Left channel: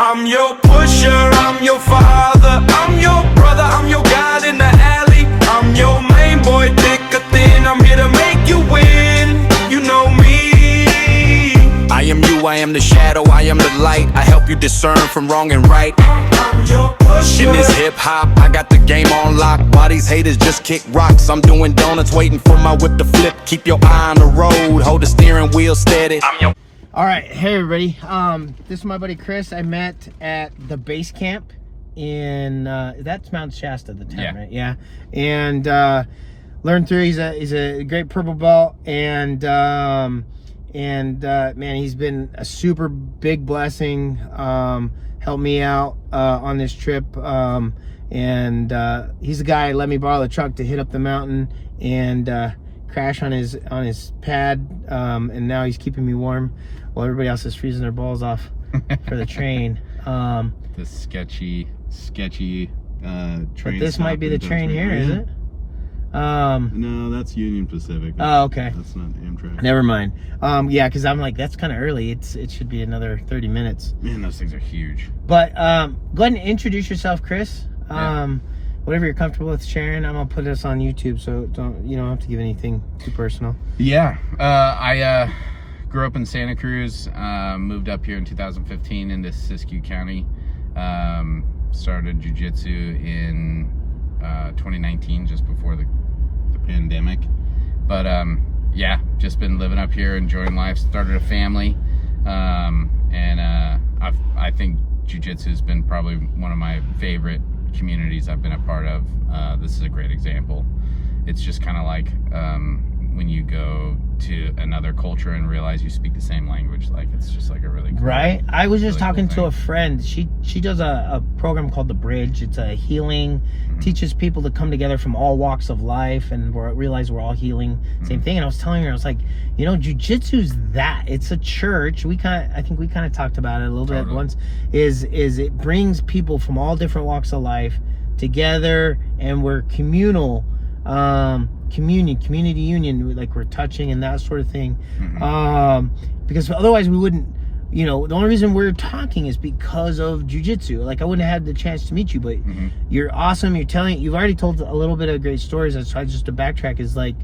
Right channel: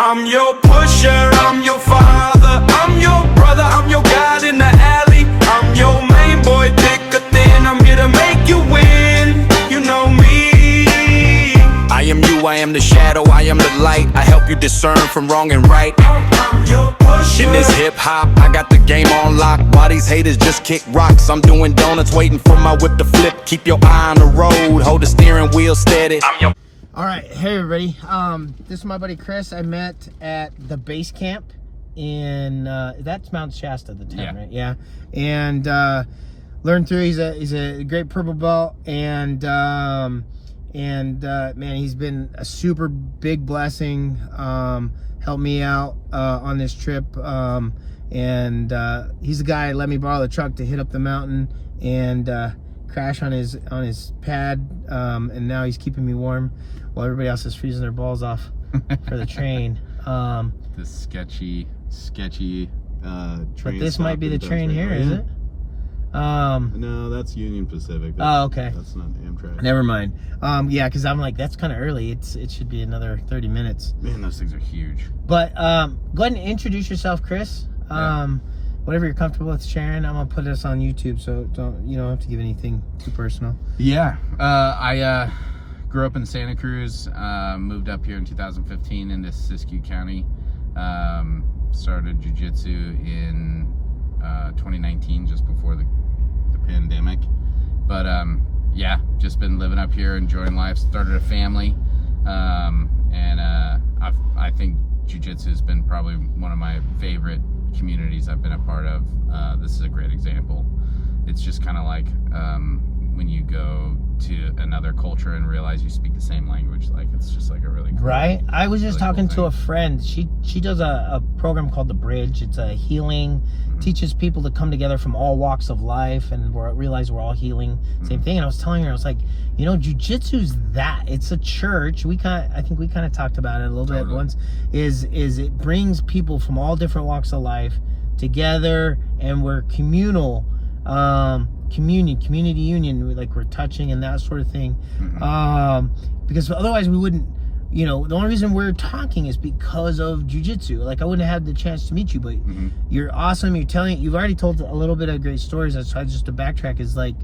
I'm your pusher, I'm your father, I'm your brother, I'm your guide in the alley. I'm your main boy, thick or thin, I'm here to make you win. You know me. I am you, I am the shadow, I am the light. I help you discern from wrong and right. I'm your pusher. In this hip-hop, I got the game on lock. Why these haters just kick rocks? I'm doing donuts, waiting for my whip to flip. Keep your eye on the road, hold the steering wheel steady. I'm your... All right, hey everybody. This is my buddy Chris. I met at the base camp in that's Mount Shasta, the town, right? Yeah. And learned through. He's a great purple belt, and man, he's been a super big blessing. Helped me out on this trip, and he's the guy who let me borrow the truck to hit up the mountain and crash on his pad, and now he's keeping me warm while everybody else is freezing their balls off for the train. This sketchy train. But this might be the train here, is it? No, that's Union Pacific. Oh, okay. That's not Amtrak. Never mind. Yeah, because I'm like, that's kind of early. It should be another 30 minutes. Man, those things are huge. But go ahead and introduce yourself, Chris. Whatever you're comfortable with sharing. I'm gonna put this on YouTube, so you don't have to give anything too personal. Yeah, I grew up in Santa Cruz. Moved up here in 2015 into Siskiyou County. Started jujutsu in 2019, just before the pandemic. But yeah, just been living up here, enjoying life. Started a family, and I think jiu-jitsu has been probably one of my favorite communities I've been a part of. This is a great example. It's just kind of like when you go to another culture and realize you speak the same language. Like, it's just like a really cool, right. I was just really talking cool to a friend. She does a program called The Bridge. It's a healing, teaches people to come together from all walks of life and realize we're all healing. Same thing. And I was telling her, I was like, you know, jiu-jitsu's that. It's a church. I think we kind of talked about it a little bit once. Is it brings people from all different walks of life together, and we're communal. Community union, like we're touching and that sort of thing. Because otherwise we wouldn't, you know, the only reason we're talking is because of jiu-jitsu. Like, I wouldn't have had the chance to meet you, but you're awesome. You've already told a little bit of great stories. That's why, just to backtrack, is like,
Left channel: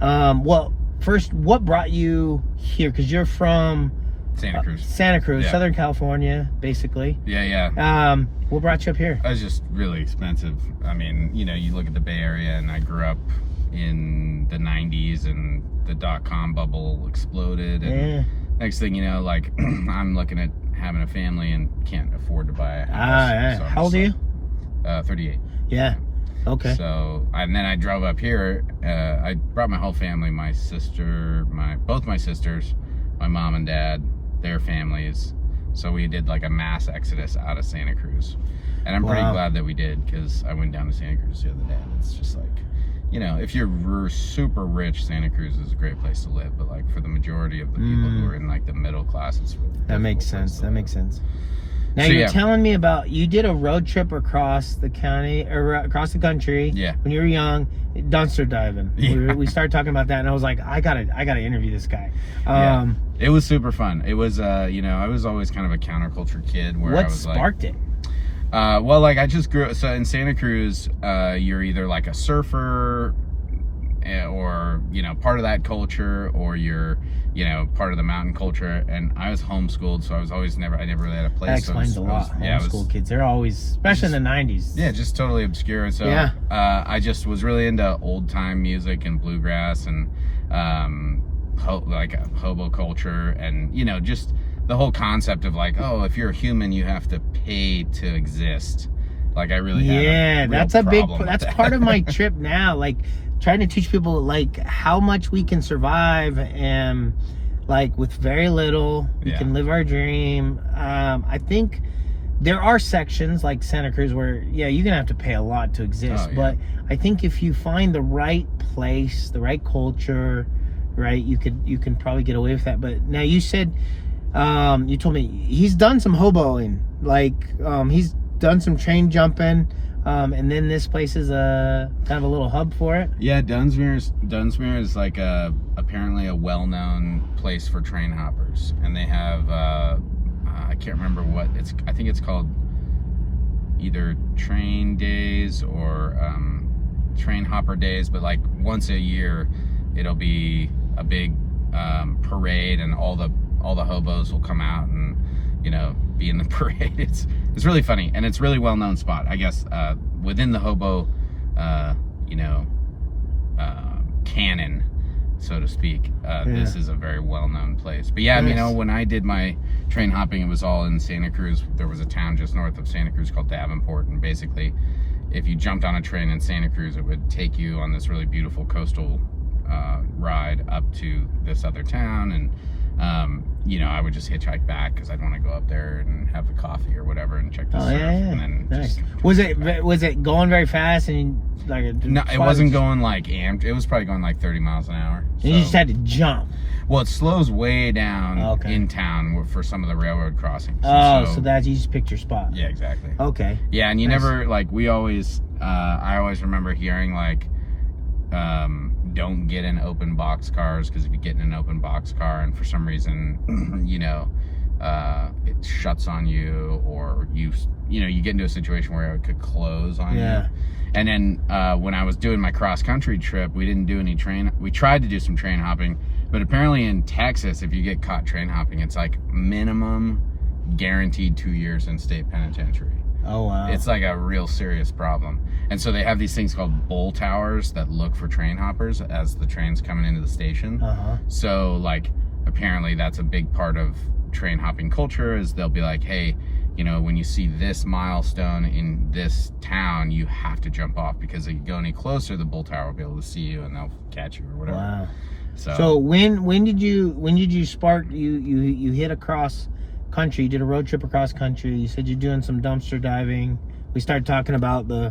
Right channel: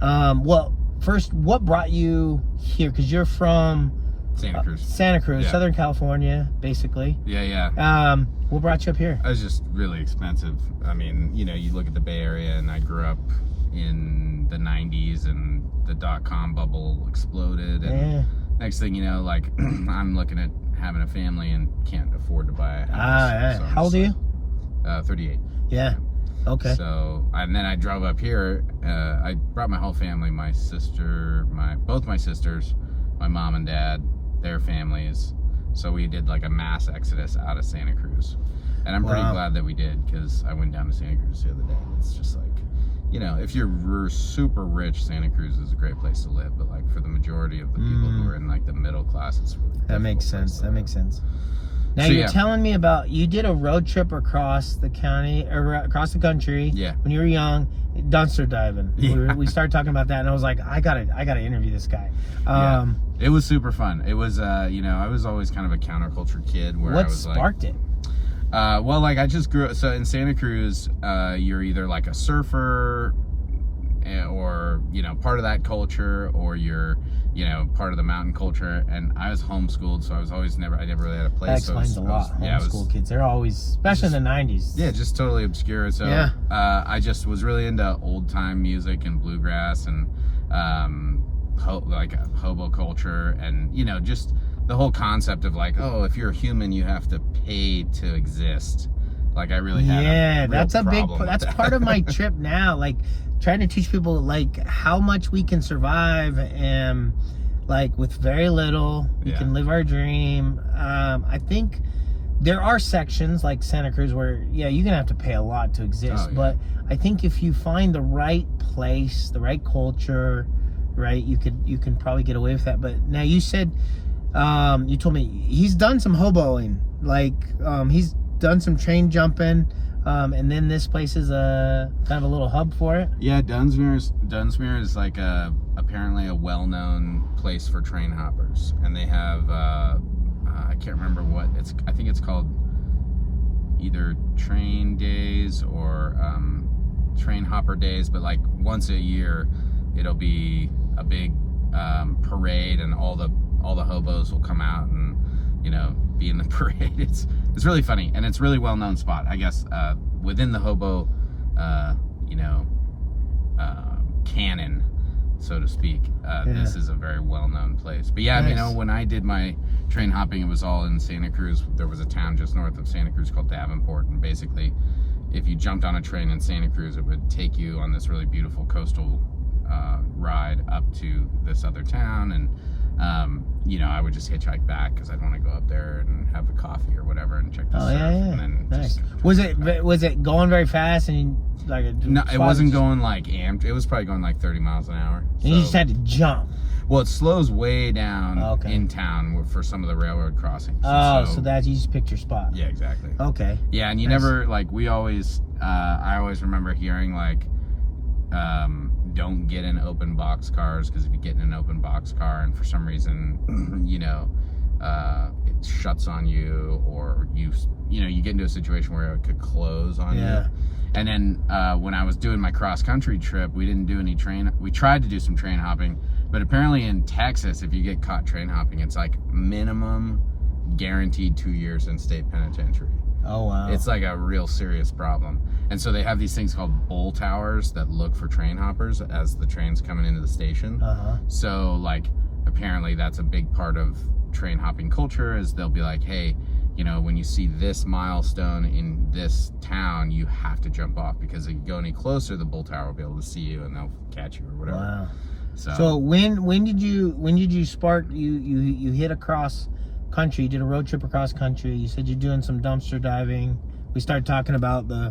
well, first, what brought you here? Because you're from Santa Cruz, yeah. Southern California, basically. Yeah. What brought you up here? It was just really expensive. I mean, you know, you look at the Bay Area, and I grew up in the 90s, and the .com bubble exploded, and next thing you know, like, I'm looking at having a family and can't afford to buy a house. So how old are you? 38. Yeah. Okay. So, and then I drove up here. I brought my whole family, my sister, both my sisters, my mom and dad, their families. So we did like a mass exodus out of Santa Cruz. And I'm pretty glad that we did, because I went down to Santa Cruz the other day, and it's just like, you know, if you're super rich, Santa Cruz is a great place to live. But like, for the majority of the people who are in like the middle class, it's really that makes sense. That makes sense. Now, so, you're telling me about, you did a road trip across the county, or across the country. Yeah. When you were young, dumpster diving. Yeah. We started talking about that, and I was like, I gotta interview this guy. Yeah. It was super fun. It was, you know, I was always kind of a counterculture kid. Where what I was sparked it? Well, like, I just grew up, so in Santa Cruz, you're either like a surfer, or, you know, part of that culture, or you're, you know, part of the mountain culture. And I was homeschooled, so I never really had a place. That explains a lot. Homeschool kids, they're always, especially in the 90s. Yeah, just totally obscure. So yeah. I just was really into old time music and bluegrass, and like hobo culture, and, you know, just the whole concept of like, oh, if you're a human, you have to pay to exist. Like, I really had that's part of my trip now. Like, trying to teach people like how much we can survive, and like with very little we can live our dream. I think there are sections like Santa Cruz where you're gonna have to pay a lot to exist. But I think if you find the right place, the right culture, right, you can probably get away with that. But now, you said you told me he's done some hoboing, like he's done some train jumping, and then this place is a kind of a little hub for it. Yeah, Dunsmuir is like apparently a well-known place for train hoppers, and they have I can't remember what it's. I think it's called either train days or train hopper days. But like once a year, it'll be a big parade, and all the hobos will come out and be in the parade. It's really funny, and it's really well known spot, I guess, within the hobo canon, so to speak. This is a very well known place. But yeah, nice. When I did my train hopping, it was all in Santa Cruz. There was a town just north of Santa Cruz called Davenport, and basically if you jumped on a train in Santa Cruz, it would take you on this really beautiful coastal ride up to this other town, and I would just hitchhike back because I'd want to go up there and have the coffee or whatever and check the surf. And then nice. Was it going very fast and no, it wasn't going like amped. It was probably going like 30 miles an hour. And you just had to jump. Well, it slows way down in town for some of the railroad crossings. So that's, you just picked your spot. Yeah, exactly. Okay. Yeah, and you never, I always remember hearing don't get in open box cars, because if you get in an open box car and for some reason, it shuts on you, or you get into a situation where it could close on you. And then when I was doing my cross country trip, we didn't do any we tried to do some train hopping, but apparently in Texas, if you get caught train hopping, it's like minimum guaranteed 2 years in state penitentiary. Oh, wow. It's like a real serious problem. And so they have these things called bull towers that look for train hoppers as the train's coming into the station. So apparently that's a big part of train hopping culture, is they'll be like, hey, when you see this milestone in this town, you have to jump off, because if you go any closer, the bull tower will be able to see you and they'll catch you or whatever. Wow. So when did you spark, you hit across country, you did a road trip across country, you said you're doing some dumpster diving. We started talking about there's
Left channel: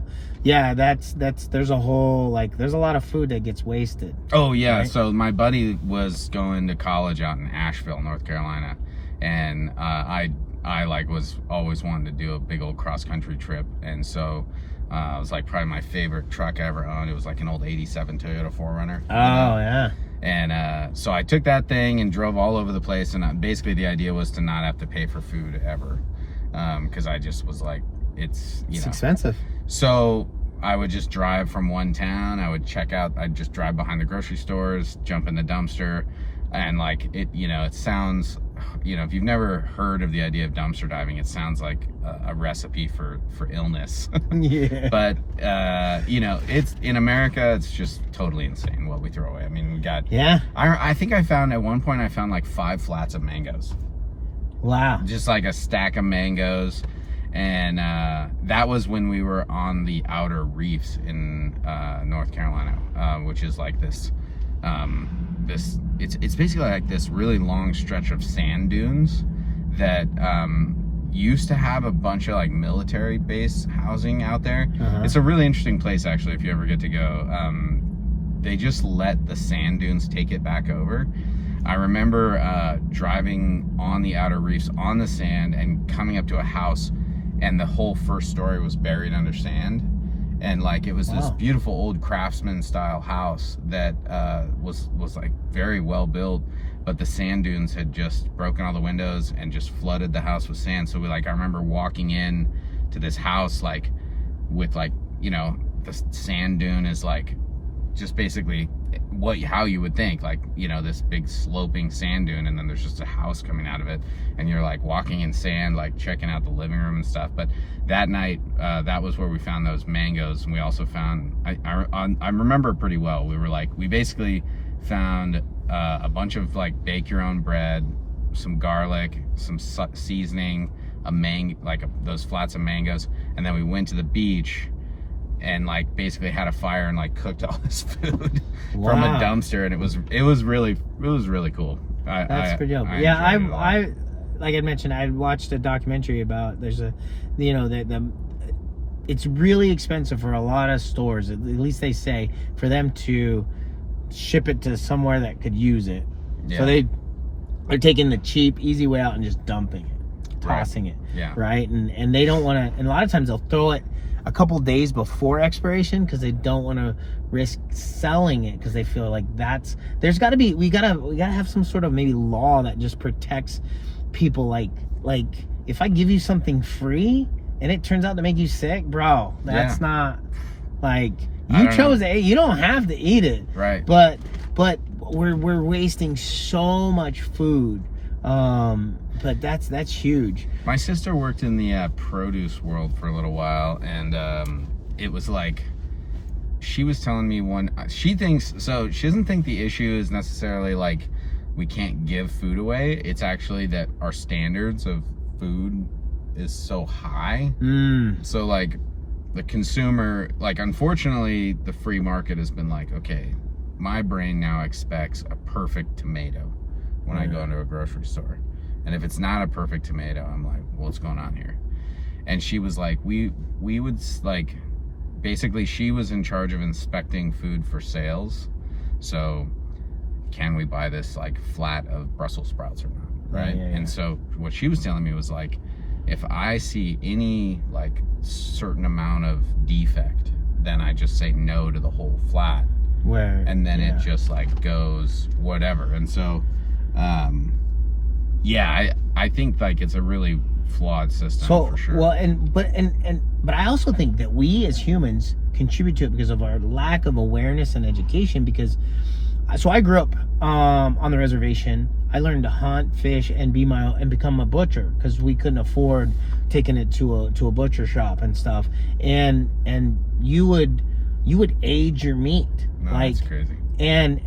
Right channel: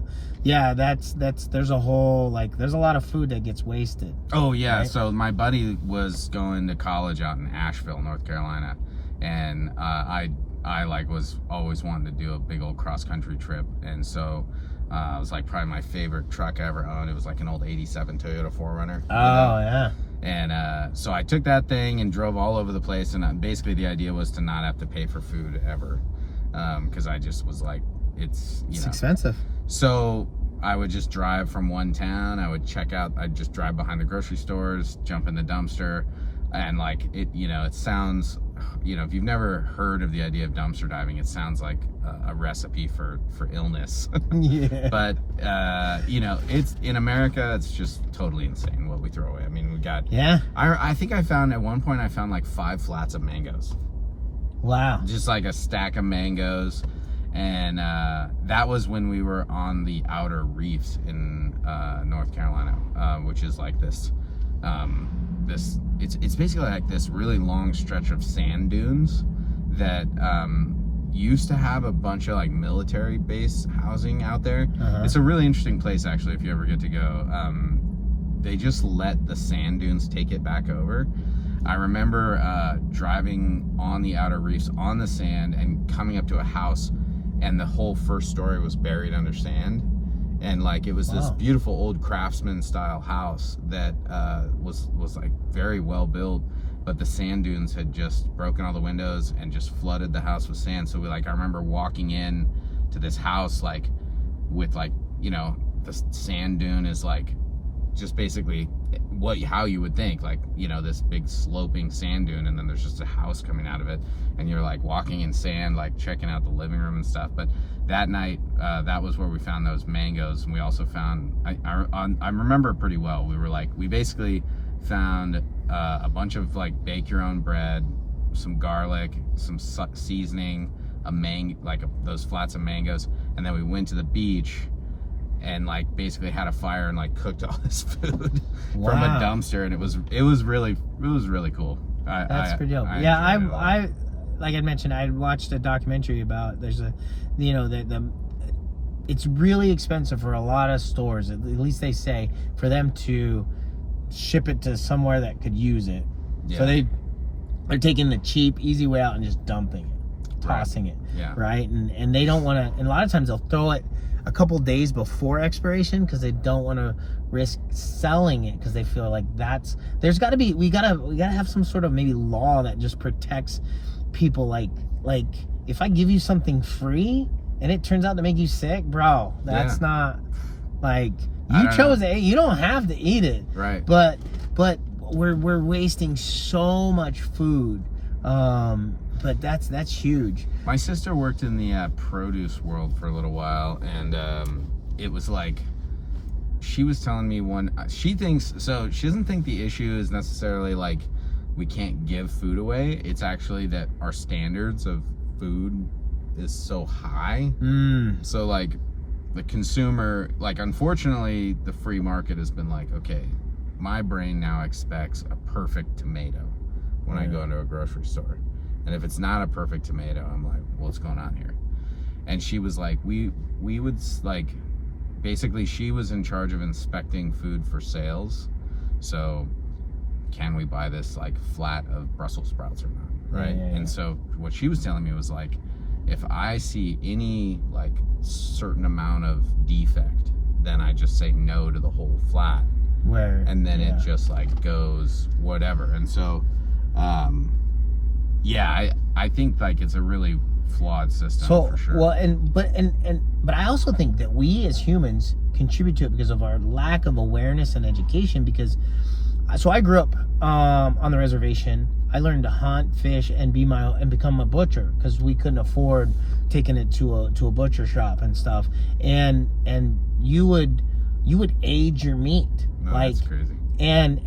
a whole, there's a lot of food that gets wasted. Oh yeah, right? So my buddy was going to college out in Asheville, North Carolina, and I was always wanting to do a big old cross country trip, and so it was probably my favorite truck I ever owned. It was an old '87 Toyota 4Runner. Oh yeah. And so I took that thing and drove all over the place, and basically the idea was to not have to pay for food ever, because I just was like, it's expensive. So I would just drive from one town, I would check out, I'd just drive behind the grocery stores, jump in the dumpster, and it sounds, if you've never heard of the idea of dumpster diving, it sounds like a recipe for illness. Yeah. But it's in America, it's just totally insane what we throw away. We got, I think I found at one point 5 flats of mangoes. Wow. Just a stack of mangoes. And that was when we were on the outer reefs in North Carolina, which is this it's basically this really long stretch of sand dunes that used to have a bunch of military base housing out there. It's a really interesting place, actually, if you ever get to go. They just let the sand dunes take it back over. I remember driving on the outer reefs on the sand and coming up to a house, and the whole first story was buried under sand, and it was this beautiful old craftsman style house that was very well built, but the sand dunes had just broken all the windows and just flooded the house with sand. So I remember walking in to this house with the sand dune is just basically how you would think, this big sloping sand dune, and then there's just a house coming out of it, and you're walking in sand, checking out the living room and stuff. But that night, that was where we found those mangoes, and we also found, I remember it pretty well. We basically found a bunch of bake your own bread, some garlic, some seasoning, those flats of mangoes, and then we went to the beach and basically had a fire and cooked all this food from a dumpster, and it was really cool. That's pretty dope. I like I mentioned, I watched a documentary about, there's a, it's really expensive for a lot of stores, at least they say, for them to ship it to somewhere that could use it. So they're taking the cheap, easy way out and just dumping it, tossing it. Right. And they don't want to, and a lot of times they'll throw it a couple days before expiration, because they don't want to risk selling it, because they feel there's got to be, we gotta have some sort of maybe law that just protects people if I give you something free and it turns out to make you sick, bro, that's not like you chose it. You don't have to eat it, right? But we're wasting so much food. But that's huge. My sister worked in the produce world for a little while, and it was like she was telling me she doesn't think the issue is necessarily like we can't give food away. It's actually that our standards of food is so high. So like the consumer, like unfortunately the free market has been like, okay, my brain now expects a perfect tomato when I go into a grocery store. And if it's not a perfect tomato, I'm like, what's going on here? And she was like, we would like, basically she was in charge of inspecting food for sales. So can we buy this like flat of Brussels sprouts or not, right? And so what she was telling me was like, if I see any like certain amount of defect, then I just say no to the whole flat. And then it just like goes whatever. And so I think like it's a really flawed system for sure. Well, but I also think that we as humans contribute to it because of our lack of awareness and education. Because so I grew up on the reservation. I learned to hunt, fish, and become a butcher because we couldn't afford taking it to a butcher shop and stuff. And you would age your meat. No, like that's crazy. And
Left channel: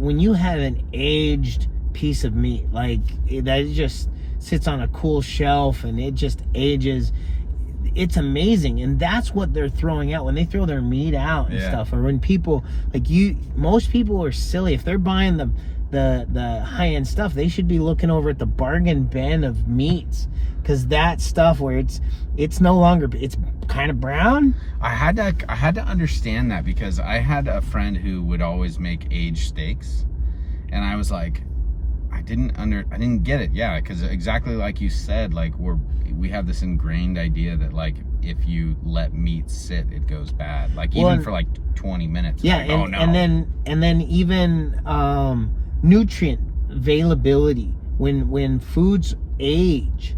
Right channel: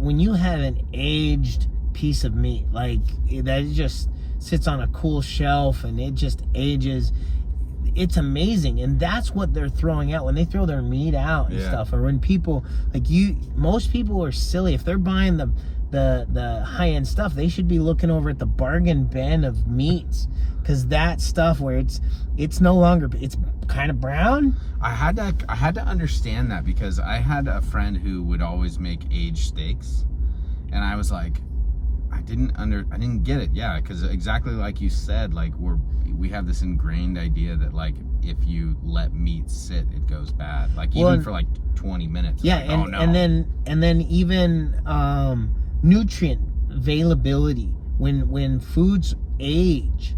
when you have an aged piece of meat like that, it just sits on a cool shelf and it just ages. It's amazing. And that's what they're throwing out when they throw their meat out and stuff. Or when people like most people are silly. If they're buying the high-end stuff, they should be looking over at the bargain bin of meats, because that stuff where it's no longer, it's kind of brown. I had to understand that, because I had a friend who would always make aged steaks, and I was like, I didn't get it. Yeah, because exactly like you said, like we have this ingrained idea that like if you let meat sit, it goes bad. Like even for like 20 minutes. Yeah, like, and, oh, no. and then even nutrient availability when foods age,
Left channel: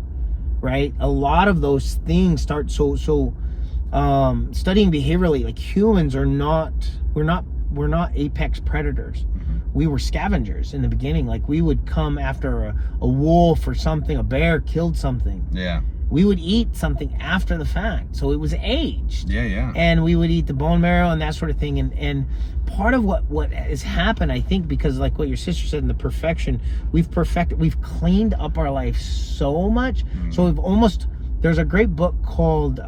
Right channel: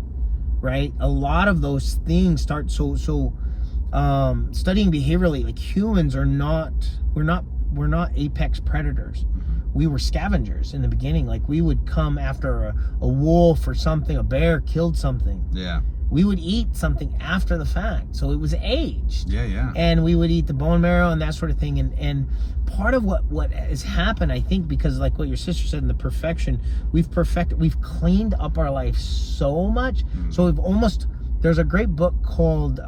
right? A lot of those things start studying behaviorally, like humans are not, we're not apex predators. We were scavengers in the beginning. Like we would come after a wolf or something, a bear killed something. Yeah. We would eat something after the fact. So it was aged. Yeah. And we would eat the bone marrow and that sort of thing. And part of what has happened, I think, because like what your sister said in the perfection, we've cleaned up our life so much. So there's a great book called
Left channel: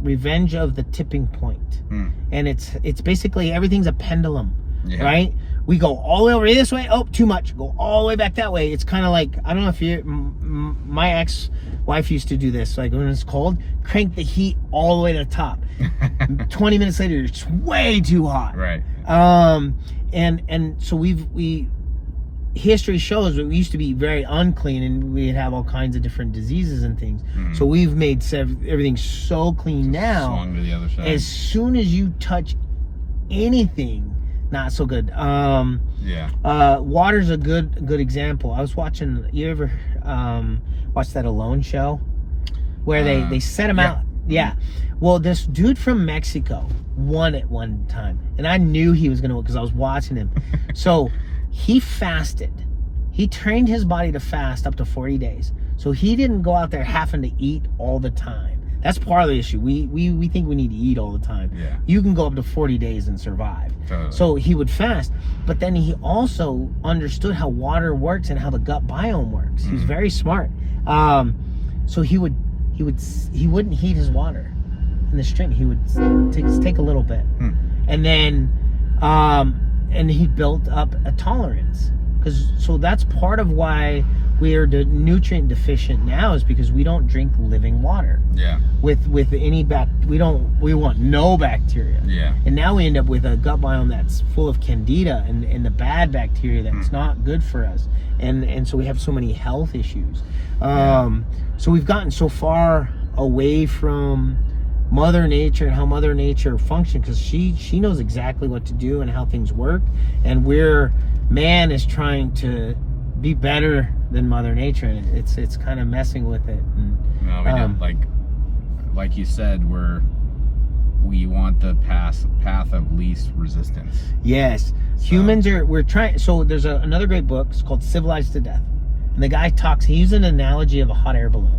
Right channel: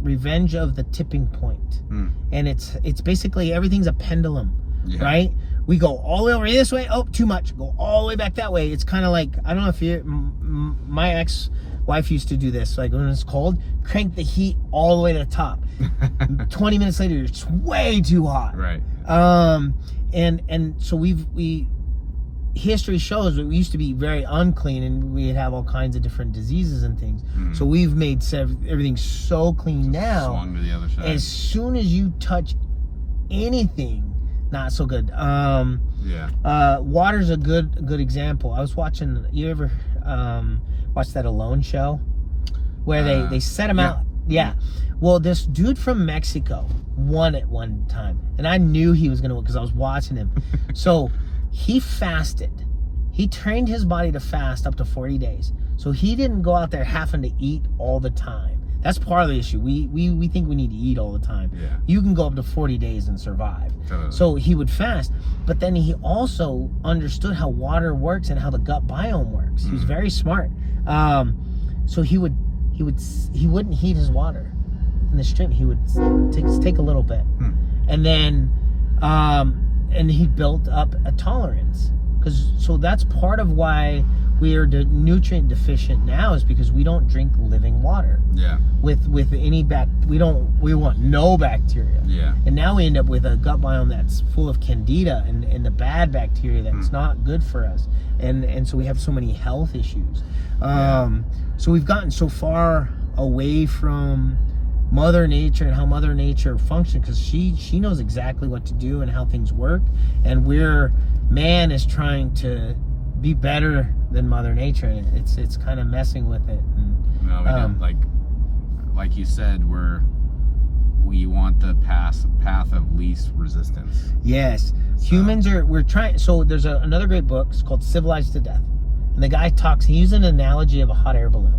Revenge of the Tipping Point. And it's basically everything's a pendulum, right? We go all the way over this way, oh, too much. Go all the way back that way. It's kind of like, I don't know if my ex-wife used to do this. Like when it's cold, crank the heat all the way to the top. 20 minutes later, it's way too hot. Right. And so history shows that we used to be very unclean and we'd have all kinds of different diseases and things. So we've made everything so clean now. Swung to the other side. As soon as you touch anything, not so good. Water's a good example. I was watching, you ever watch that Alone show where they set him out? Yeah. Well, this dude from Mexico won it one time, and I knew he was gonna win because I was watching him. So he fasted. He trained his body to fast up to 40 days. So he didn't go out there having to eat all the time. That's part of the issue. We think we need to eat all the time. Yeah. You can go up to 40 days and survive. Totally. So he would fast, but then he also understood how water works and how the gut biome works. He was very smart. So he wouldn't heat his water in the stream. He would take a little bit, and then and he built up a tolerance. So that's part of why we are nutrient deficient now, is because we don't drink living water. Yeah. With any we want no bacteria. Yeah. And now we end up with a gut biome that's full of candida and the bad bacteria that's not good for us. And so we have so many health issues. So we've gotten so far away from Mother Nature and how Mother Nature functions, because she knows exactly what to do and how things work, and man is trying to be better than Mother Nature, and it's kind of messing with it. And, no, we don't, like you said, we want the path of least resistance. Yes, humans we're trying. So there's another great book. It's called Civilized to Death, and the guy he uses an analogy of a hot air balloon.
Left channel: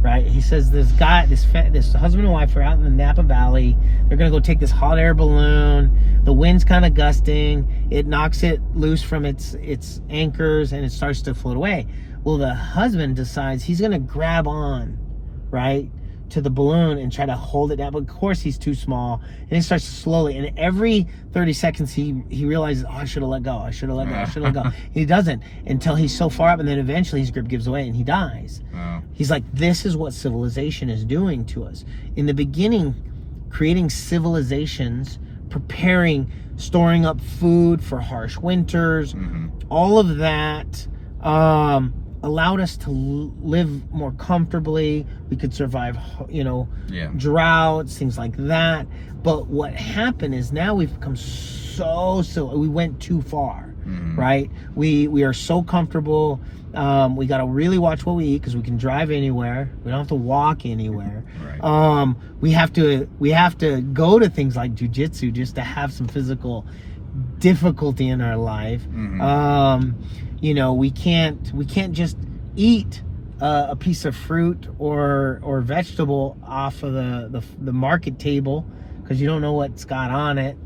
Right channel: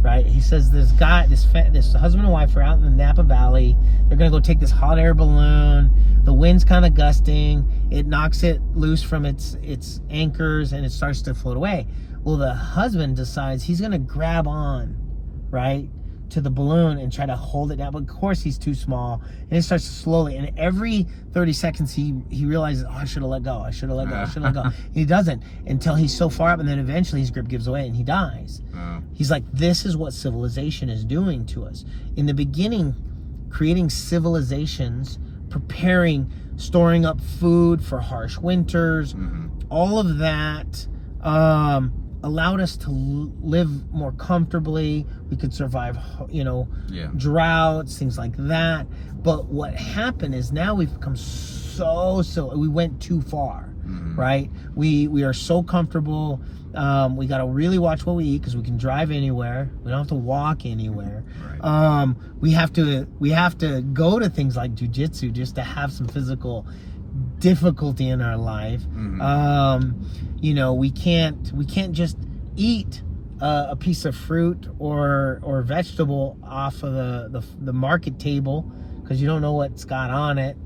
Right? He says this husband and wife are out in the Napa Valley. They're gonna go take this hot air balloon. The wind's kind of gusting. It knocks it loose from its anchors, and it starts to float away. Well, the husband decides he's gonna grab on, right, to the balloon and try to hold it down. But of course, he's too small, and it starts slowly. And every 30 seconds, he realizes, oh, I should have let go. I should have let go. I should have let go. He doesn't until he's so far up, and then eventually his grip gives away and he dies. He's like, this is what civilization is doing to us. In the beginning, creating civilizations, preparing, storing up food for harsh winters, all of that allowed us to live more comfortably. We could survive, droughts, things like that. But what happened is now we've become we went too far, right? We are so comfortable. We got to really watch what we eat because we can drive anywhere. We don't have to walk anywhere. Right. We have to go to things like jujutsu just to have some physical difficulty in our life. We can't just eat a piece of fruit or vegetable off of the market table because you don't know what's got on it.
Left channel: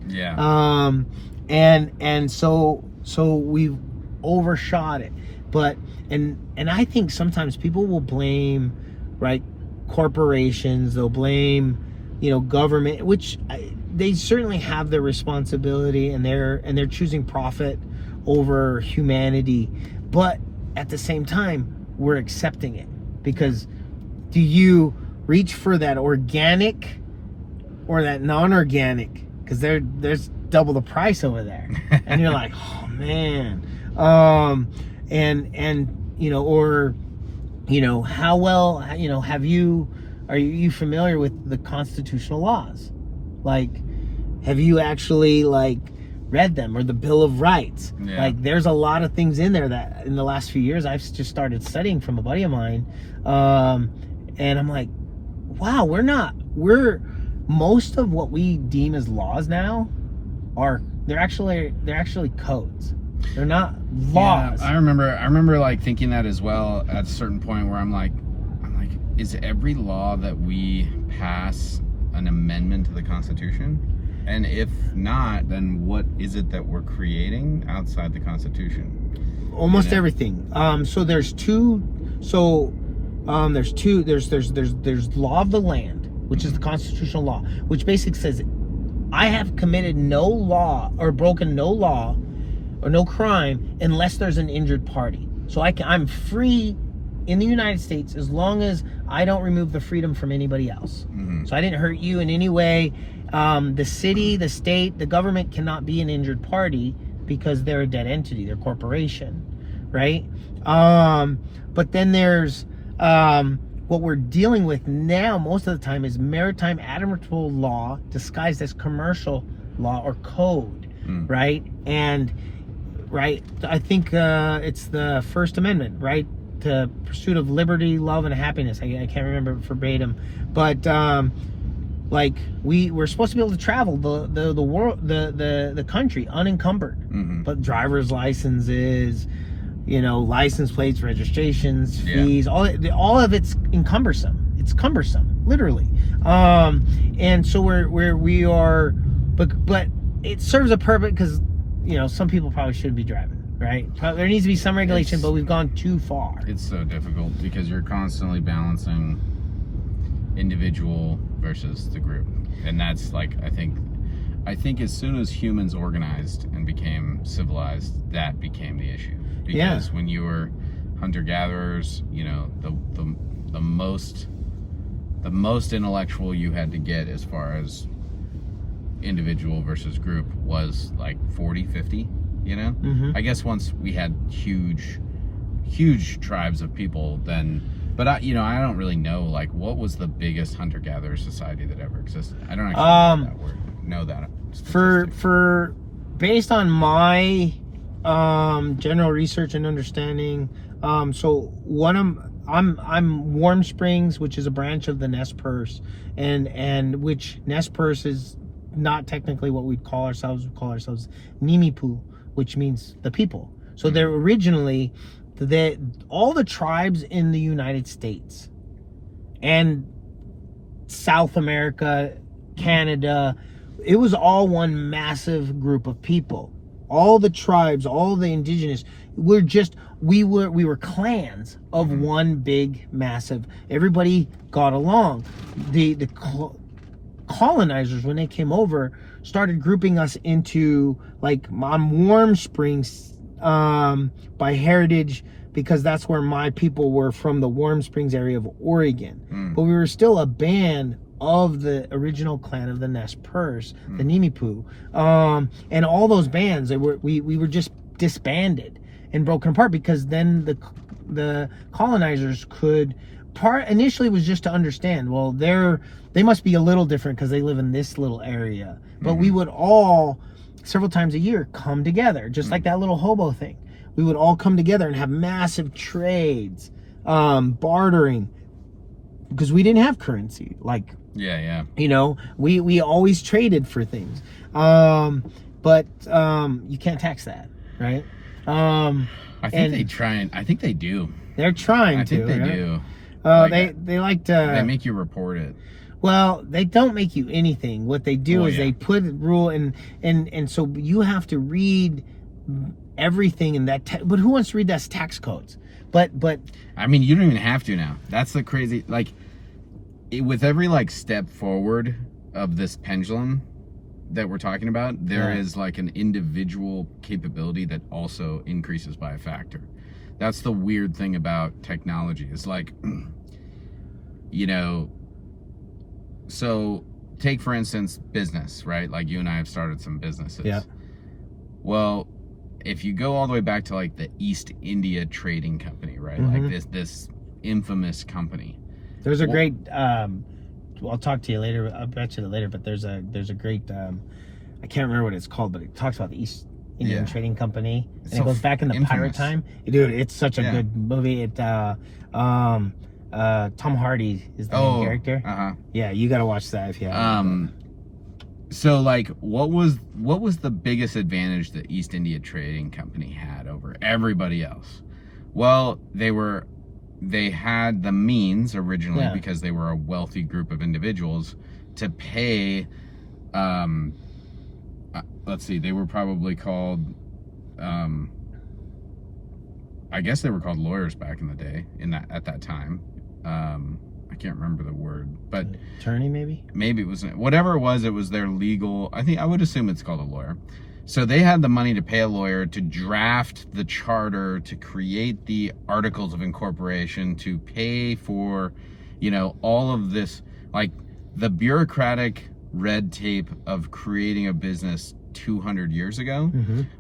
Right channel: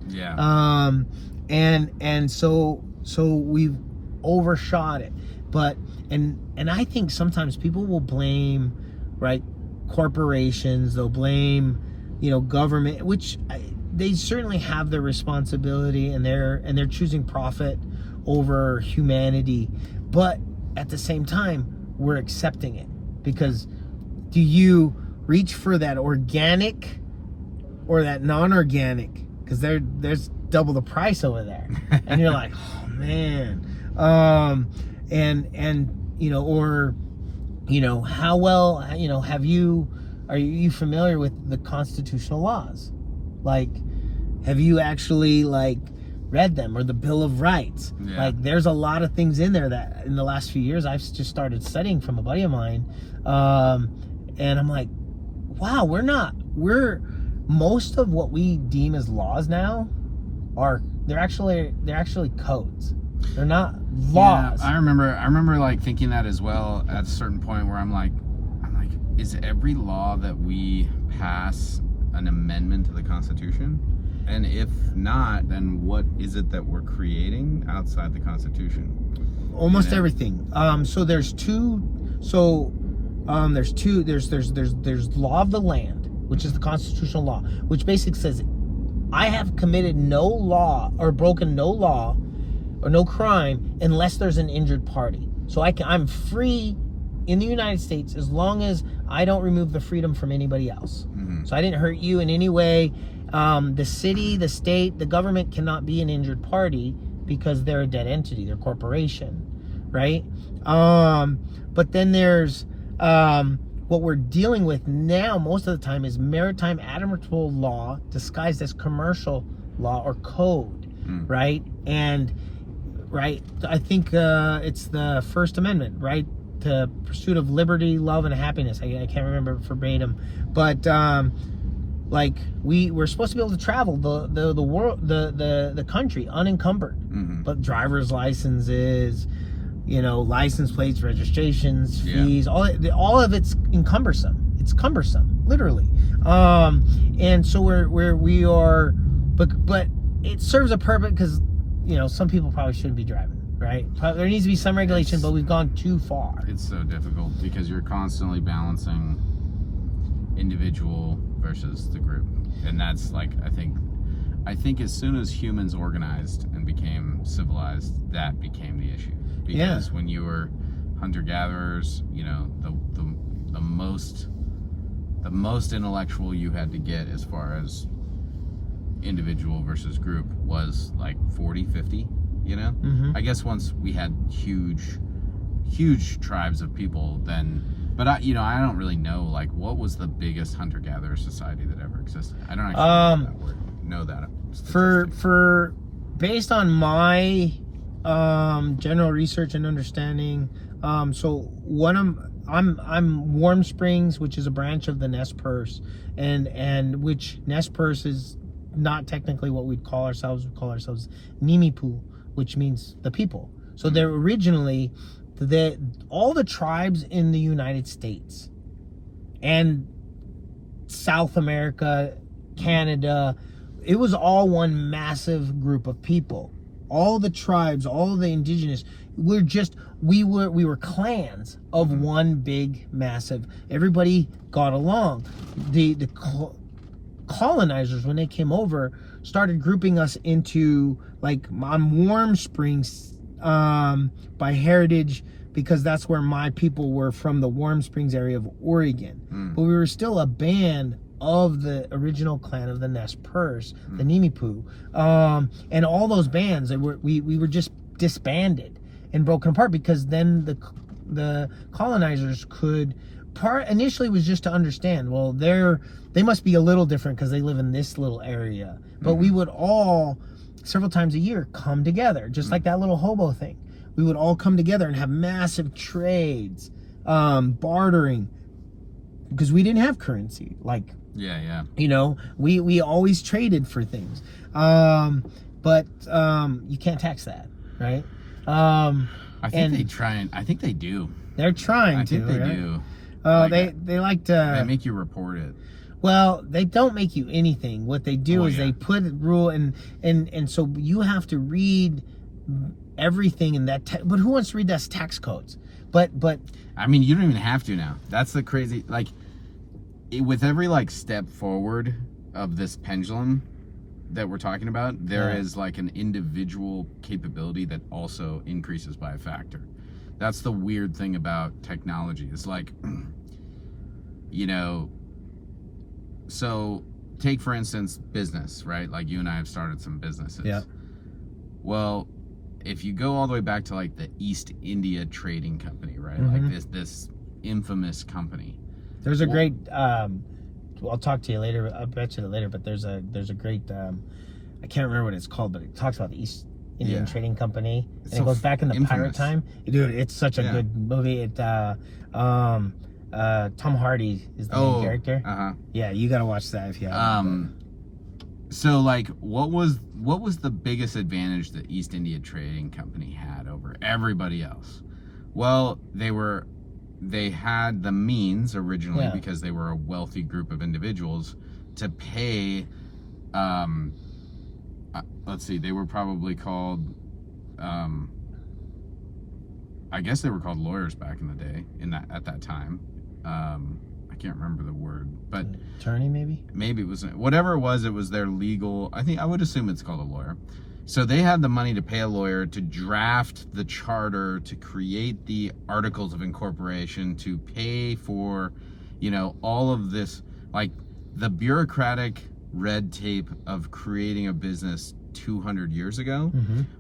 And so we've overshot it. But and I think sometimes people will blame, right, corporations. They'll blame, government, which they certainly have their responsibility, and they're choosing profit over humanity. But at the same time, we're accepting it, because do you reach for that organic or that non-organic? Because there's double the price over there, and you're like, oh man. How well, are you familiar with the constitutional laws? Like, have you actually read them, or the Bill of Rights? There's a lot of things in there that in the last few years I've just started studying from a buddy of mine, and I'm like, wow, most of what we deem as laws now they're actually codes. They're not laws. Yeah, I remember thinking that as well at a certain point where I'm like, is every law that we pass an amendment to the Constitution? And if not, then what is it that we're creating outside the Constitution? Almost everything. So there's two. So there's law of the land, which is the constitutional law, which basically says I have committed no law or broken no law or no crime unless there's an injured party. So I'm free in the United States as long as I don't remove the freedom from anybody else. So I didn't hurt you in any way. The city, the state, the government cannot be an injured party because they're a dead entity, they're a corporation, right? But then there's what we're dealing with now most of the time is maritime admiralty law disguised as commercial law or code, right? And I think it's the First Amendment, right? The pursuit of liberty, love, and happiness. I can't remember verbatim, but we're supposed to be able to travel the world, the country unencumbered, but driver's licenses, license plates, registrations, fees, all of it's cumbersome. It's cumbersome, literally. And so we are, but it serves a purpose because some people probably shouldn't be driving. Right? There needs to be some regulation, but we've gone too far. It's so difficult because you're constantly balancing individual versus the group. And that's I think as soon as humans organized and became civilized, that became the issue. Because when you were hunter-gatherers, the most intellectual you had to get as far as individual versus group was 40, 50. I guess once we had huge tribes of people, then, but I don't really know what was the biggest hunter-gatherer society that ever existed. I don't actually know that for based on my General research and understanding. So I'm Warm Springs, which is a branch of the Nez Perce, and which Nez Perce is not technically what we'd call ourselves. We call ourselves Nimipu, which means the people. So they're originally all the tribes in the United States and South America, Canada. It was all one massive group of people. All the tribes, all the indigenous, we were clans of one big massive. Everybody got along. The colonizers, when they came over, started grouping us into, like, I'm Warm Springs by heritage, because that's where my people were from, the Warm Springs area of Oregon. But we were still a band of the original clan of the Nez Perce, the Nimipu, and all those bands, we were just disbanded and broken apart, because then the colonizers could initially was just to understand, well, they must be a little different because they live in this little area, but we would all several times a year come together, just like that little hobo thing. We would all come together and have massive trades, bartering, because we didn't have currency. Like, you know, we always traded for things. But you can't tax that, right? I think they try, and I think they do. They're trying to. I think they right? do. They like to. They make you report it. Well, they don't make you anything. What they do is they put a rule, and so you have to read everything in that. But who wants to read that tax codes? But I mean, you don't even have to now. That's the crazy, like, with every, like, step forward of this pendulum that we're talking about, there is, like, an individual capability that also increases by a factor. That's the weird thing about technology. It's like, you know, so take, for instance, business, right? Like, you and I have started some businesses. Yeah. Well, if you go all the way back to, like, the East India Trading Company, right? Like this infamous company. There's a great I'll talk to you later. I'll bet you later, but there's a great I can't remember what it's called, but it talks about the East Indian Trading Company, and it goes back in the pirate time. Dude, it's such a good movie. It Tom Hardy is the main character. Yeah, you gotta watch that if you haven't. So, like, what was the biggest advantage the East India Trading Company had over everybody else? Well, they had the means originally, because they were a wealthy group of individuals, to pay, let's see, they were probably called, I guess they were called lawyers back in the day, at that time. I can't remember the word, but attorney, maybe it was, whatever it was their legal, I would assume it's called a lawyer. So they had the money to pay a lawyer to draft the charter, to create the articles of incorporation, to pay for, you know, all of this, like, the bureaucratic red tape of creating a business 200 years ago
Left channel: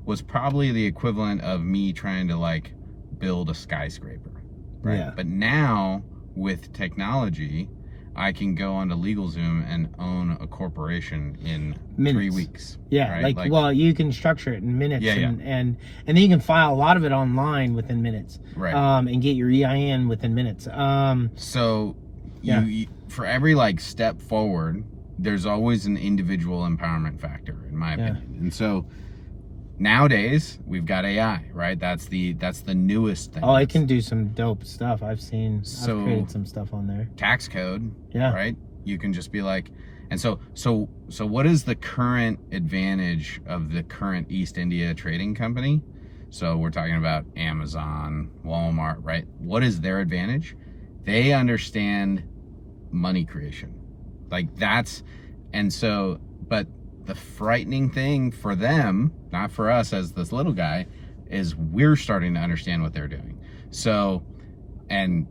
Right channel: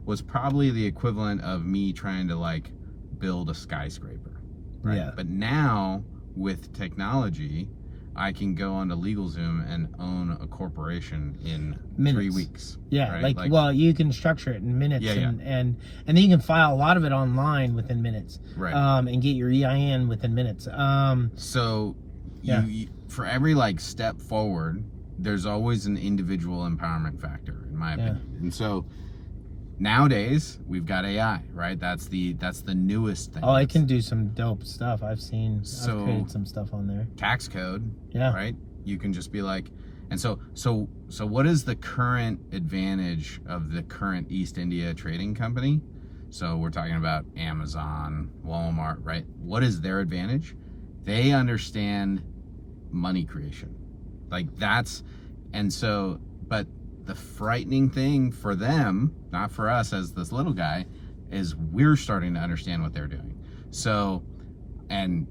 was probably the equivalent of me trying to, like, build a skyscraper, right? Yeah. But now with technology, I can go onto LegalZoom and own a corporation in minutes. 3 weeks. Yeah, right? like, well, you can structure it in minutes, and then you can file a lot of it online within minutes, right? And get your EIN within minutes. So, you for every, like, step forward, there's always an individual empowerment factor, in my opinion. And so nowadays we've got AI, right? That's the newest thing. Oh, I can do some dope stuff. I've created some stuff on there. Tax code, right? You can just be like, and so what is the current advantage of the current East India Trading Company? So we're talking about Amazon, Walmart, right? What is their advantage? They understand money creation. Like, that's, and so, but the frightening thing for them, not for us as this little guy, is we're starting to understand what they're doing. So, and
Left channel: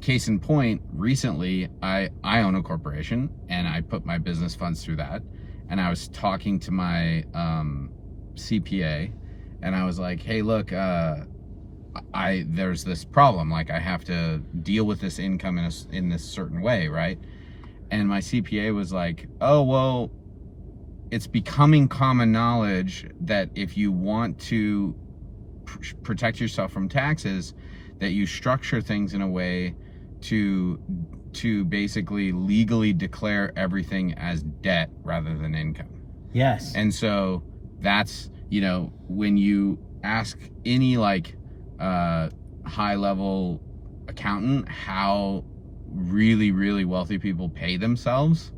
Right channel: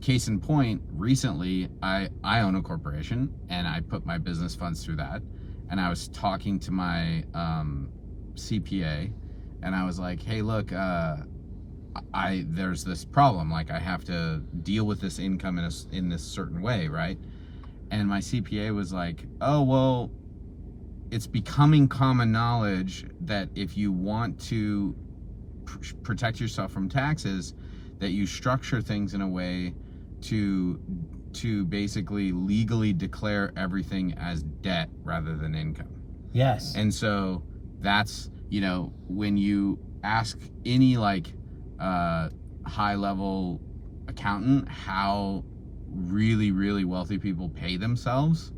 case in point, recently I own a corporation, and I put my business funds through that, and I was talking to my CPA, and I was like, hey, look, there's this problem, like, I have to deal with this income in this certain way, right? And my CPA was like, oh, well, it's becoming common knowledge that if you want to protect yourself from taxes, that you structure things in a way to basically legally declare everything as debt rather than income. Yes. And so that's, you know, when you ask any like high level accountant how really, really wealthy people pay themselves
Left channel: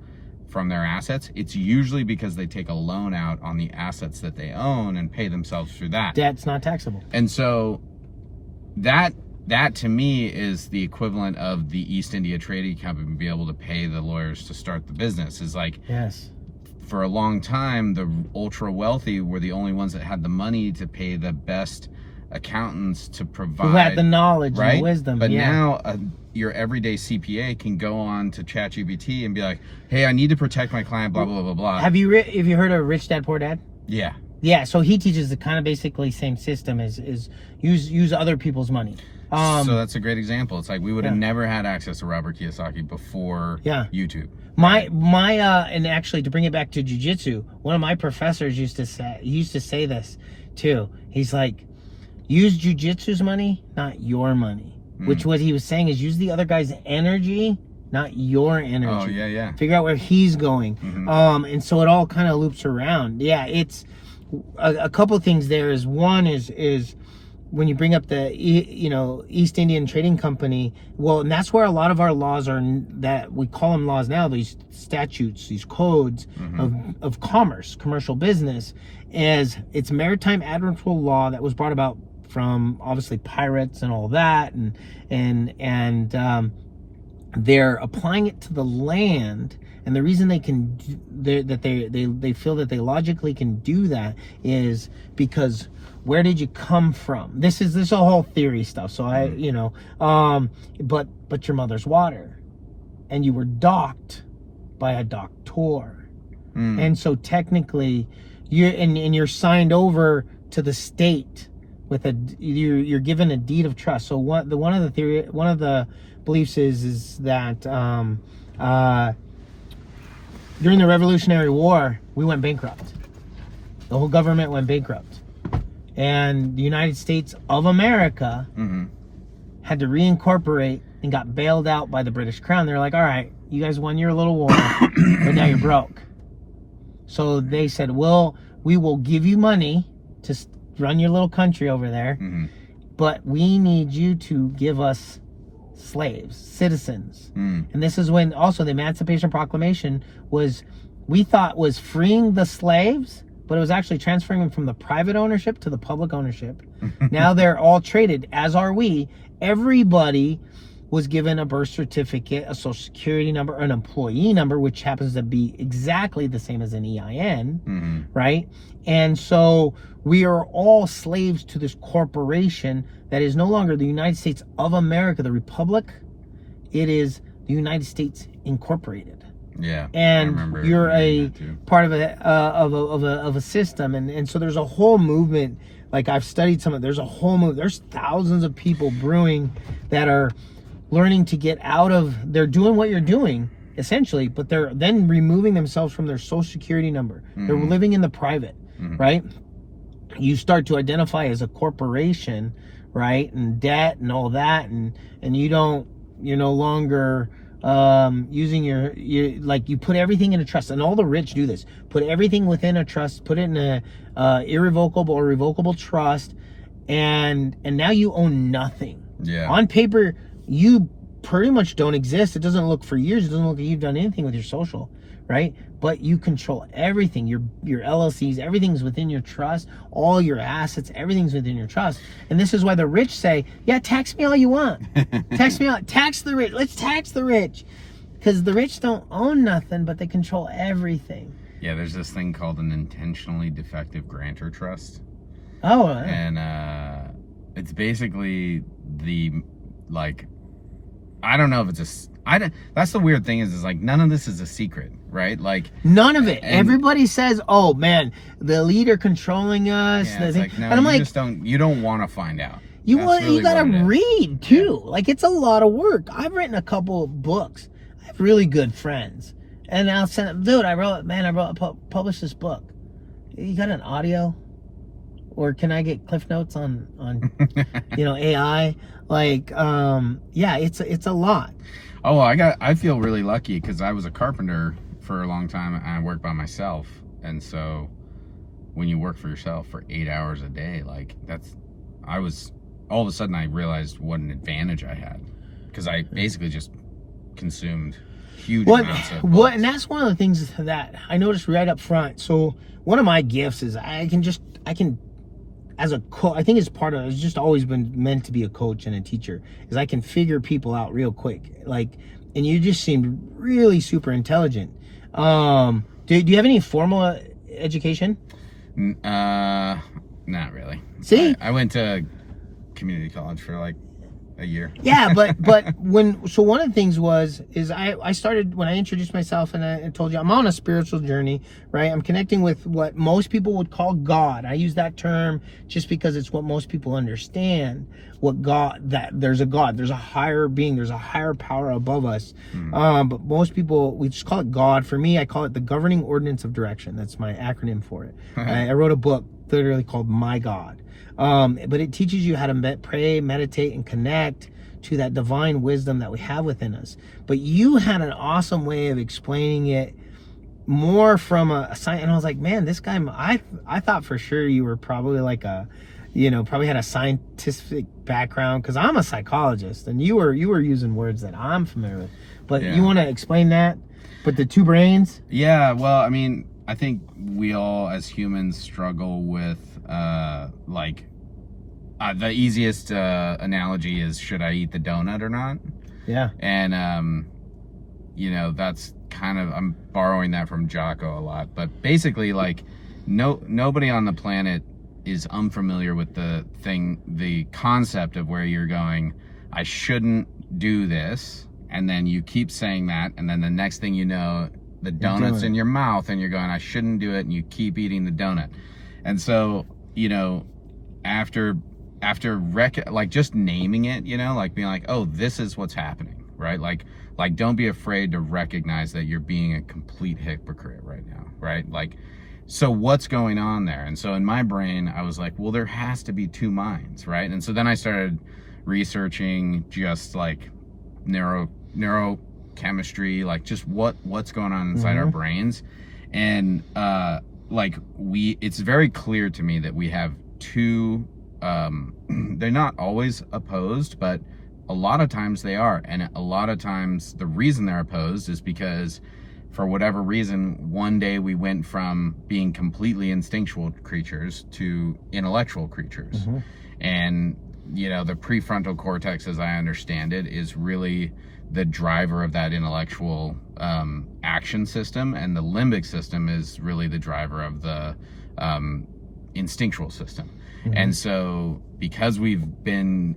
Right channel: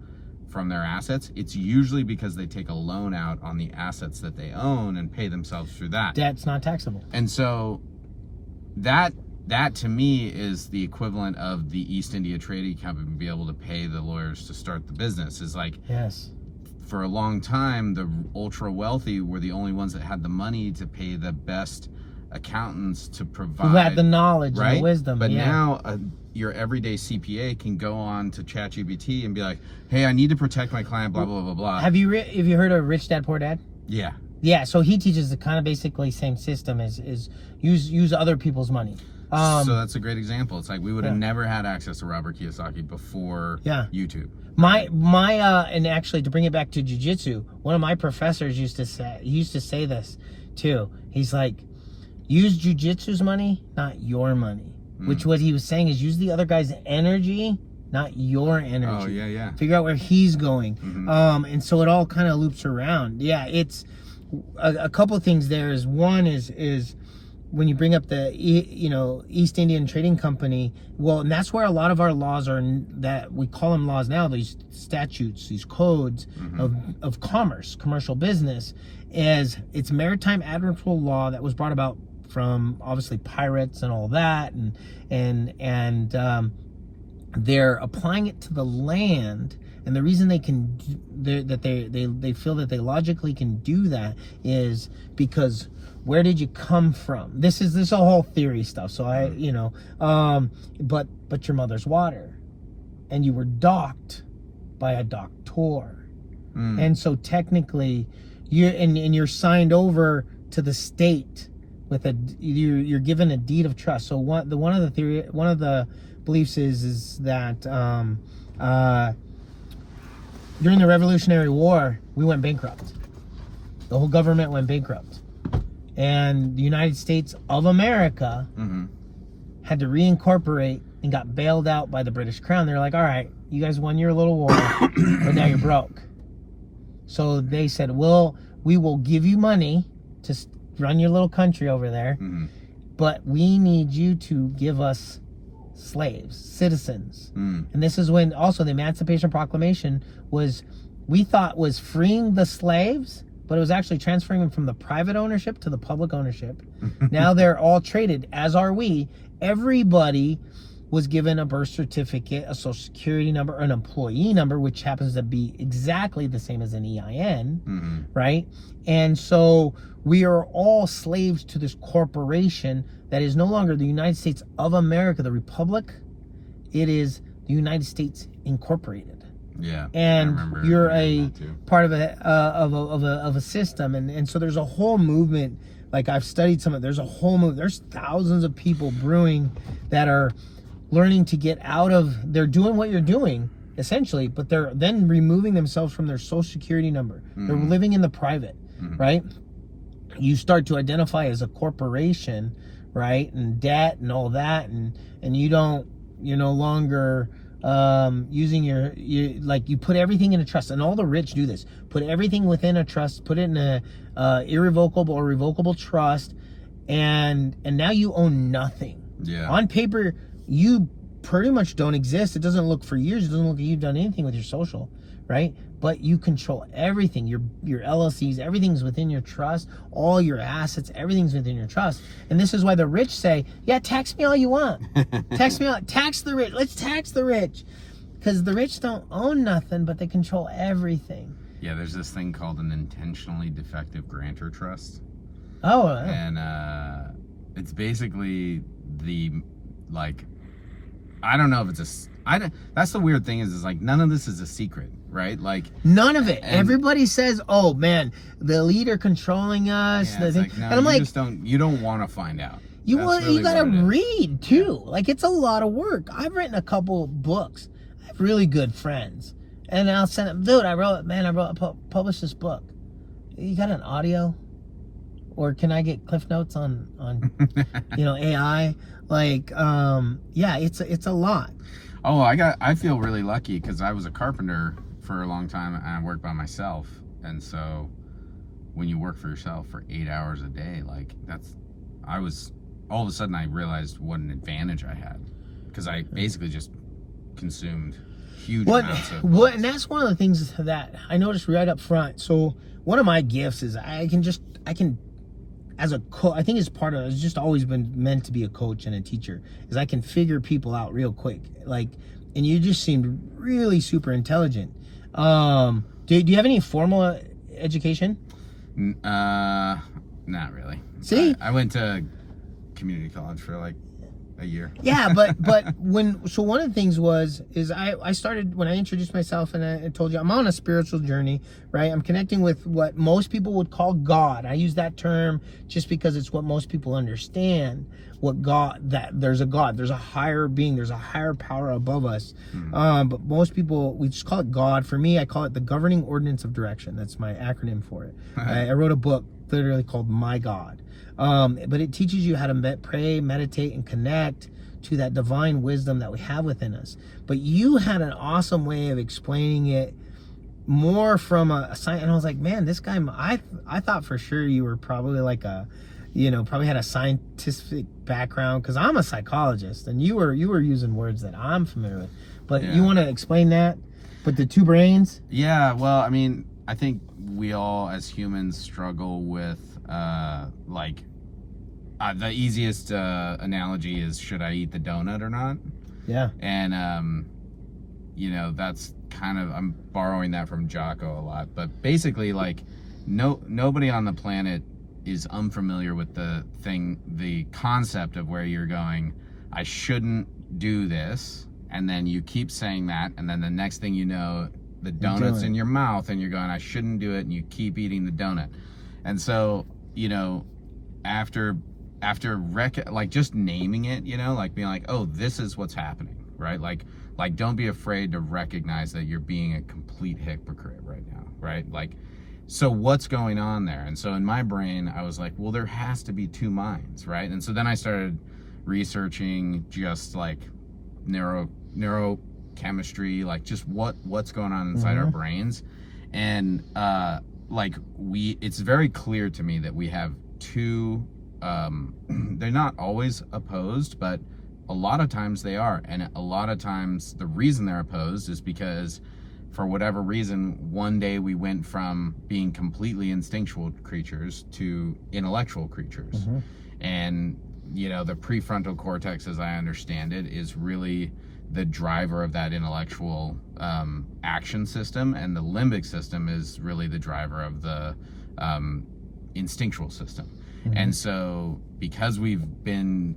from their assets, it's usually because they take a loan out on the assets that they own and pay themselves through that. Debt's not taxable. And so that to me is the equivalent of the East India Trading Company be able to pay the lawyers to start the business. Is like, yes, for a long time, the ultra wealthy were the only ones that had the money to pay the best accountants to provide. Who had the knowledge, right? and the wisdom. But yeah. now your everyday CPA can go on to ChatGPT and be like, hey, I need to protect my client, blah, blah, blah, blah. Have you heard of Rich Dad Poor Dad? Yeah. Yeah, so he teaches the kind of basically same system as use other people's money. So that's a great example. It's like we would have never had access to Robert Kiyosaki before YouTube. My and actually, to bring it back to jujitsu, one of my professors used to say this too. He's like, use jujitsu's money, not your money. Which what he was saying is use the other guy's energy, not your energy. Oh yeah. Figure out where he's going. And so it all kind of loops around. Yeah, it's a couple of things there. Is one is when you bring up the East Indian Trading Company, well, and that's where a lot of our laws are, that we call them laws now, these statutes, these codes of commerce, commercial business, as it's maritime admiralty law that was brought about from obviously pirates and all that, and they're applying it to the land. And the reason they can they feel that they logically can do that is because where did you come from? This is a whole theory stuff. So but your mother's water, and you were docked by a doctor, and so technically you're signed over to the state with you're given a deed of trust. So one of the beliefs is that during the Revolutionary War we went bankrupt. The whole government went bankrupt. And the United States of America had to reincorporate and got bailed out by the British Crown. They're like, all right, you guys won your little war, but now you're broke. So they said, well, we will give you money to run your little country over there, but we need you to give us slaves, citizens. And this is when also the Emancipation Proclamation we thought was freeing the slaves, but it was actually transferring them from the private ownership to the public ownership. Now they're all traded, as are we. Everybody was given a birth certificate, a social security number, an employee number, which happens to be exactly the same as an EIN, right? And so we are all slaves to this corporation that is no longer the United States of America, the Republic. It is the United States Incorporated. Yeah, and you're a part of a system, and so there's a whole movement. Like I've studied some of it. There's a whole movement. There's thousands of people brewing that are learning to get out of. They're doing what you're doing essentially, but they're then removing themselves from their social security number. They're living in the private, right? You start to identify as a corporation, right, and debt and all that, and you're no longer using your like you put everything in a trust, and all the rich do this. Put everything within a trust, put it in a irrevocable or revocable trust, and now you own nothing. Yeah. On paper, you pretty much don't exist. It doesn't look for years. It doesn't look like you've done anything with your social, right? But you control everything. Your LLCs, everything's within your trust. All your assets, everything's within your trust. And this is why the rich say, yeah, tax me all you want. Tax me all. Tax the rich. Let's tax the rich. Because the rich don't own nothing, but they control everything. Yeah, there's this thing called an intentionally defective grantor trust. Oh. And it's basically I don't know if it's that's the weird thing is like none of this is a secret, right? Like none of it. Everybody says, "Oh man, the leader controlling us." Yeah, it's like, no, and I'm like, you don't want to find out. You gotta read too. Yeah. Like it's a lot of work. I've written a couple of books. I have really good friends, and I'll send them, dude. I published this book. You got an audio? or can I get Cliff Notes on AI? Like, yeah, it's a lot. Oh, I feel really lucky because I was a carpenter for a long time and I worked by myself. And so when you work for yourself for 8 hours a day, like all of a sudden I realized what an advantage I had, because I basically just consumed huge amounts of books. And that's one of the things that I noticed right up front. So one of my gifts is I can as a coach, I think it's just always been meant to be a coach and a teacher, is I can figure people out real quick. Like, and you just seemed really super intelligent. Do you have any formal education? Not really. See, I went to community college for like a year. Yeah, but one of the things is I started, when I introduced myself and I told you I'm on a spiritual journey, right? I'm connecting with what most people would call God. I use that term just because it's what most people understand. That there's a God, there's a higher being, there's a higher power above us. But most people, we just call it God. For me, I call it the governing ordinance of direction. That's my acronym for it. I wrote a book literally called My God. But it teaches you how to pray, meditate, and connect to that divine wisdom that we have within us. But you had an awesome way of explaining it more from a science. And I was like, man, this guy, I thought for sure you were probably like probably had a scientific background, because I'm a psychologist and you were using words that I'm familiar with. But you want to explain that? But the two brains? Yeah, well, I mean, I think we all as humans struggle with the easiest analogy is, should I eat the donut or not? Yeah. And that's kind of, I'm borrowing that from Jocko a lot, but basically, like, nobody on the planet is unfamiliar with the concept of where you're going, I shouldn't do this, and then you keep saying that, and then the next thing you know, the donut's in your mouth and you're going, I shouldn't do it, and you keep eating the donut. And so, after just naming it, like being like, oh, this is what's happening, right? Like don't be afraid to recognize that you're being a complete hypocrite right now, right? Like, so what's going on there? And so in my brain, I was like, well, there has to be two minds, right? And so then I started researching just like neurochemistry, like just what's going on inside our brains. And it's very clear to me that we have two, they're not always opposed, but a lot of times they are. And a lot of times the reason they're opposed is because for whatever reason, one day we went from being completely instinctual creatures to intellectual creatures. And the prefrontal cortex, as I understand it, is really the driver of that intellectual action system, and the limbic system is really the driver of the instinctual system. And so because we've been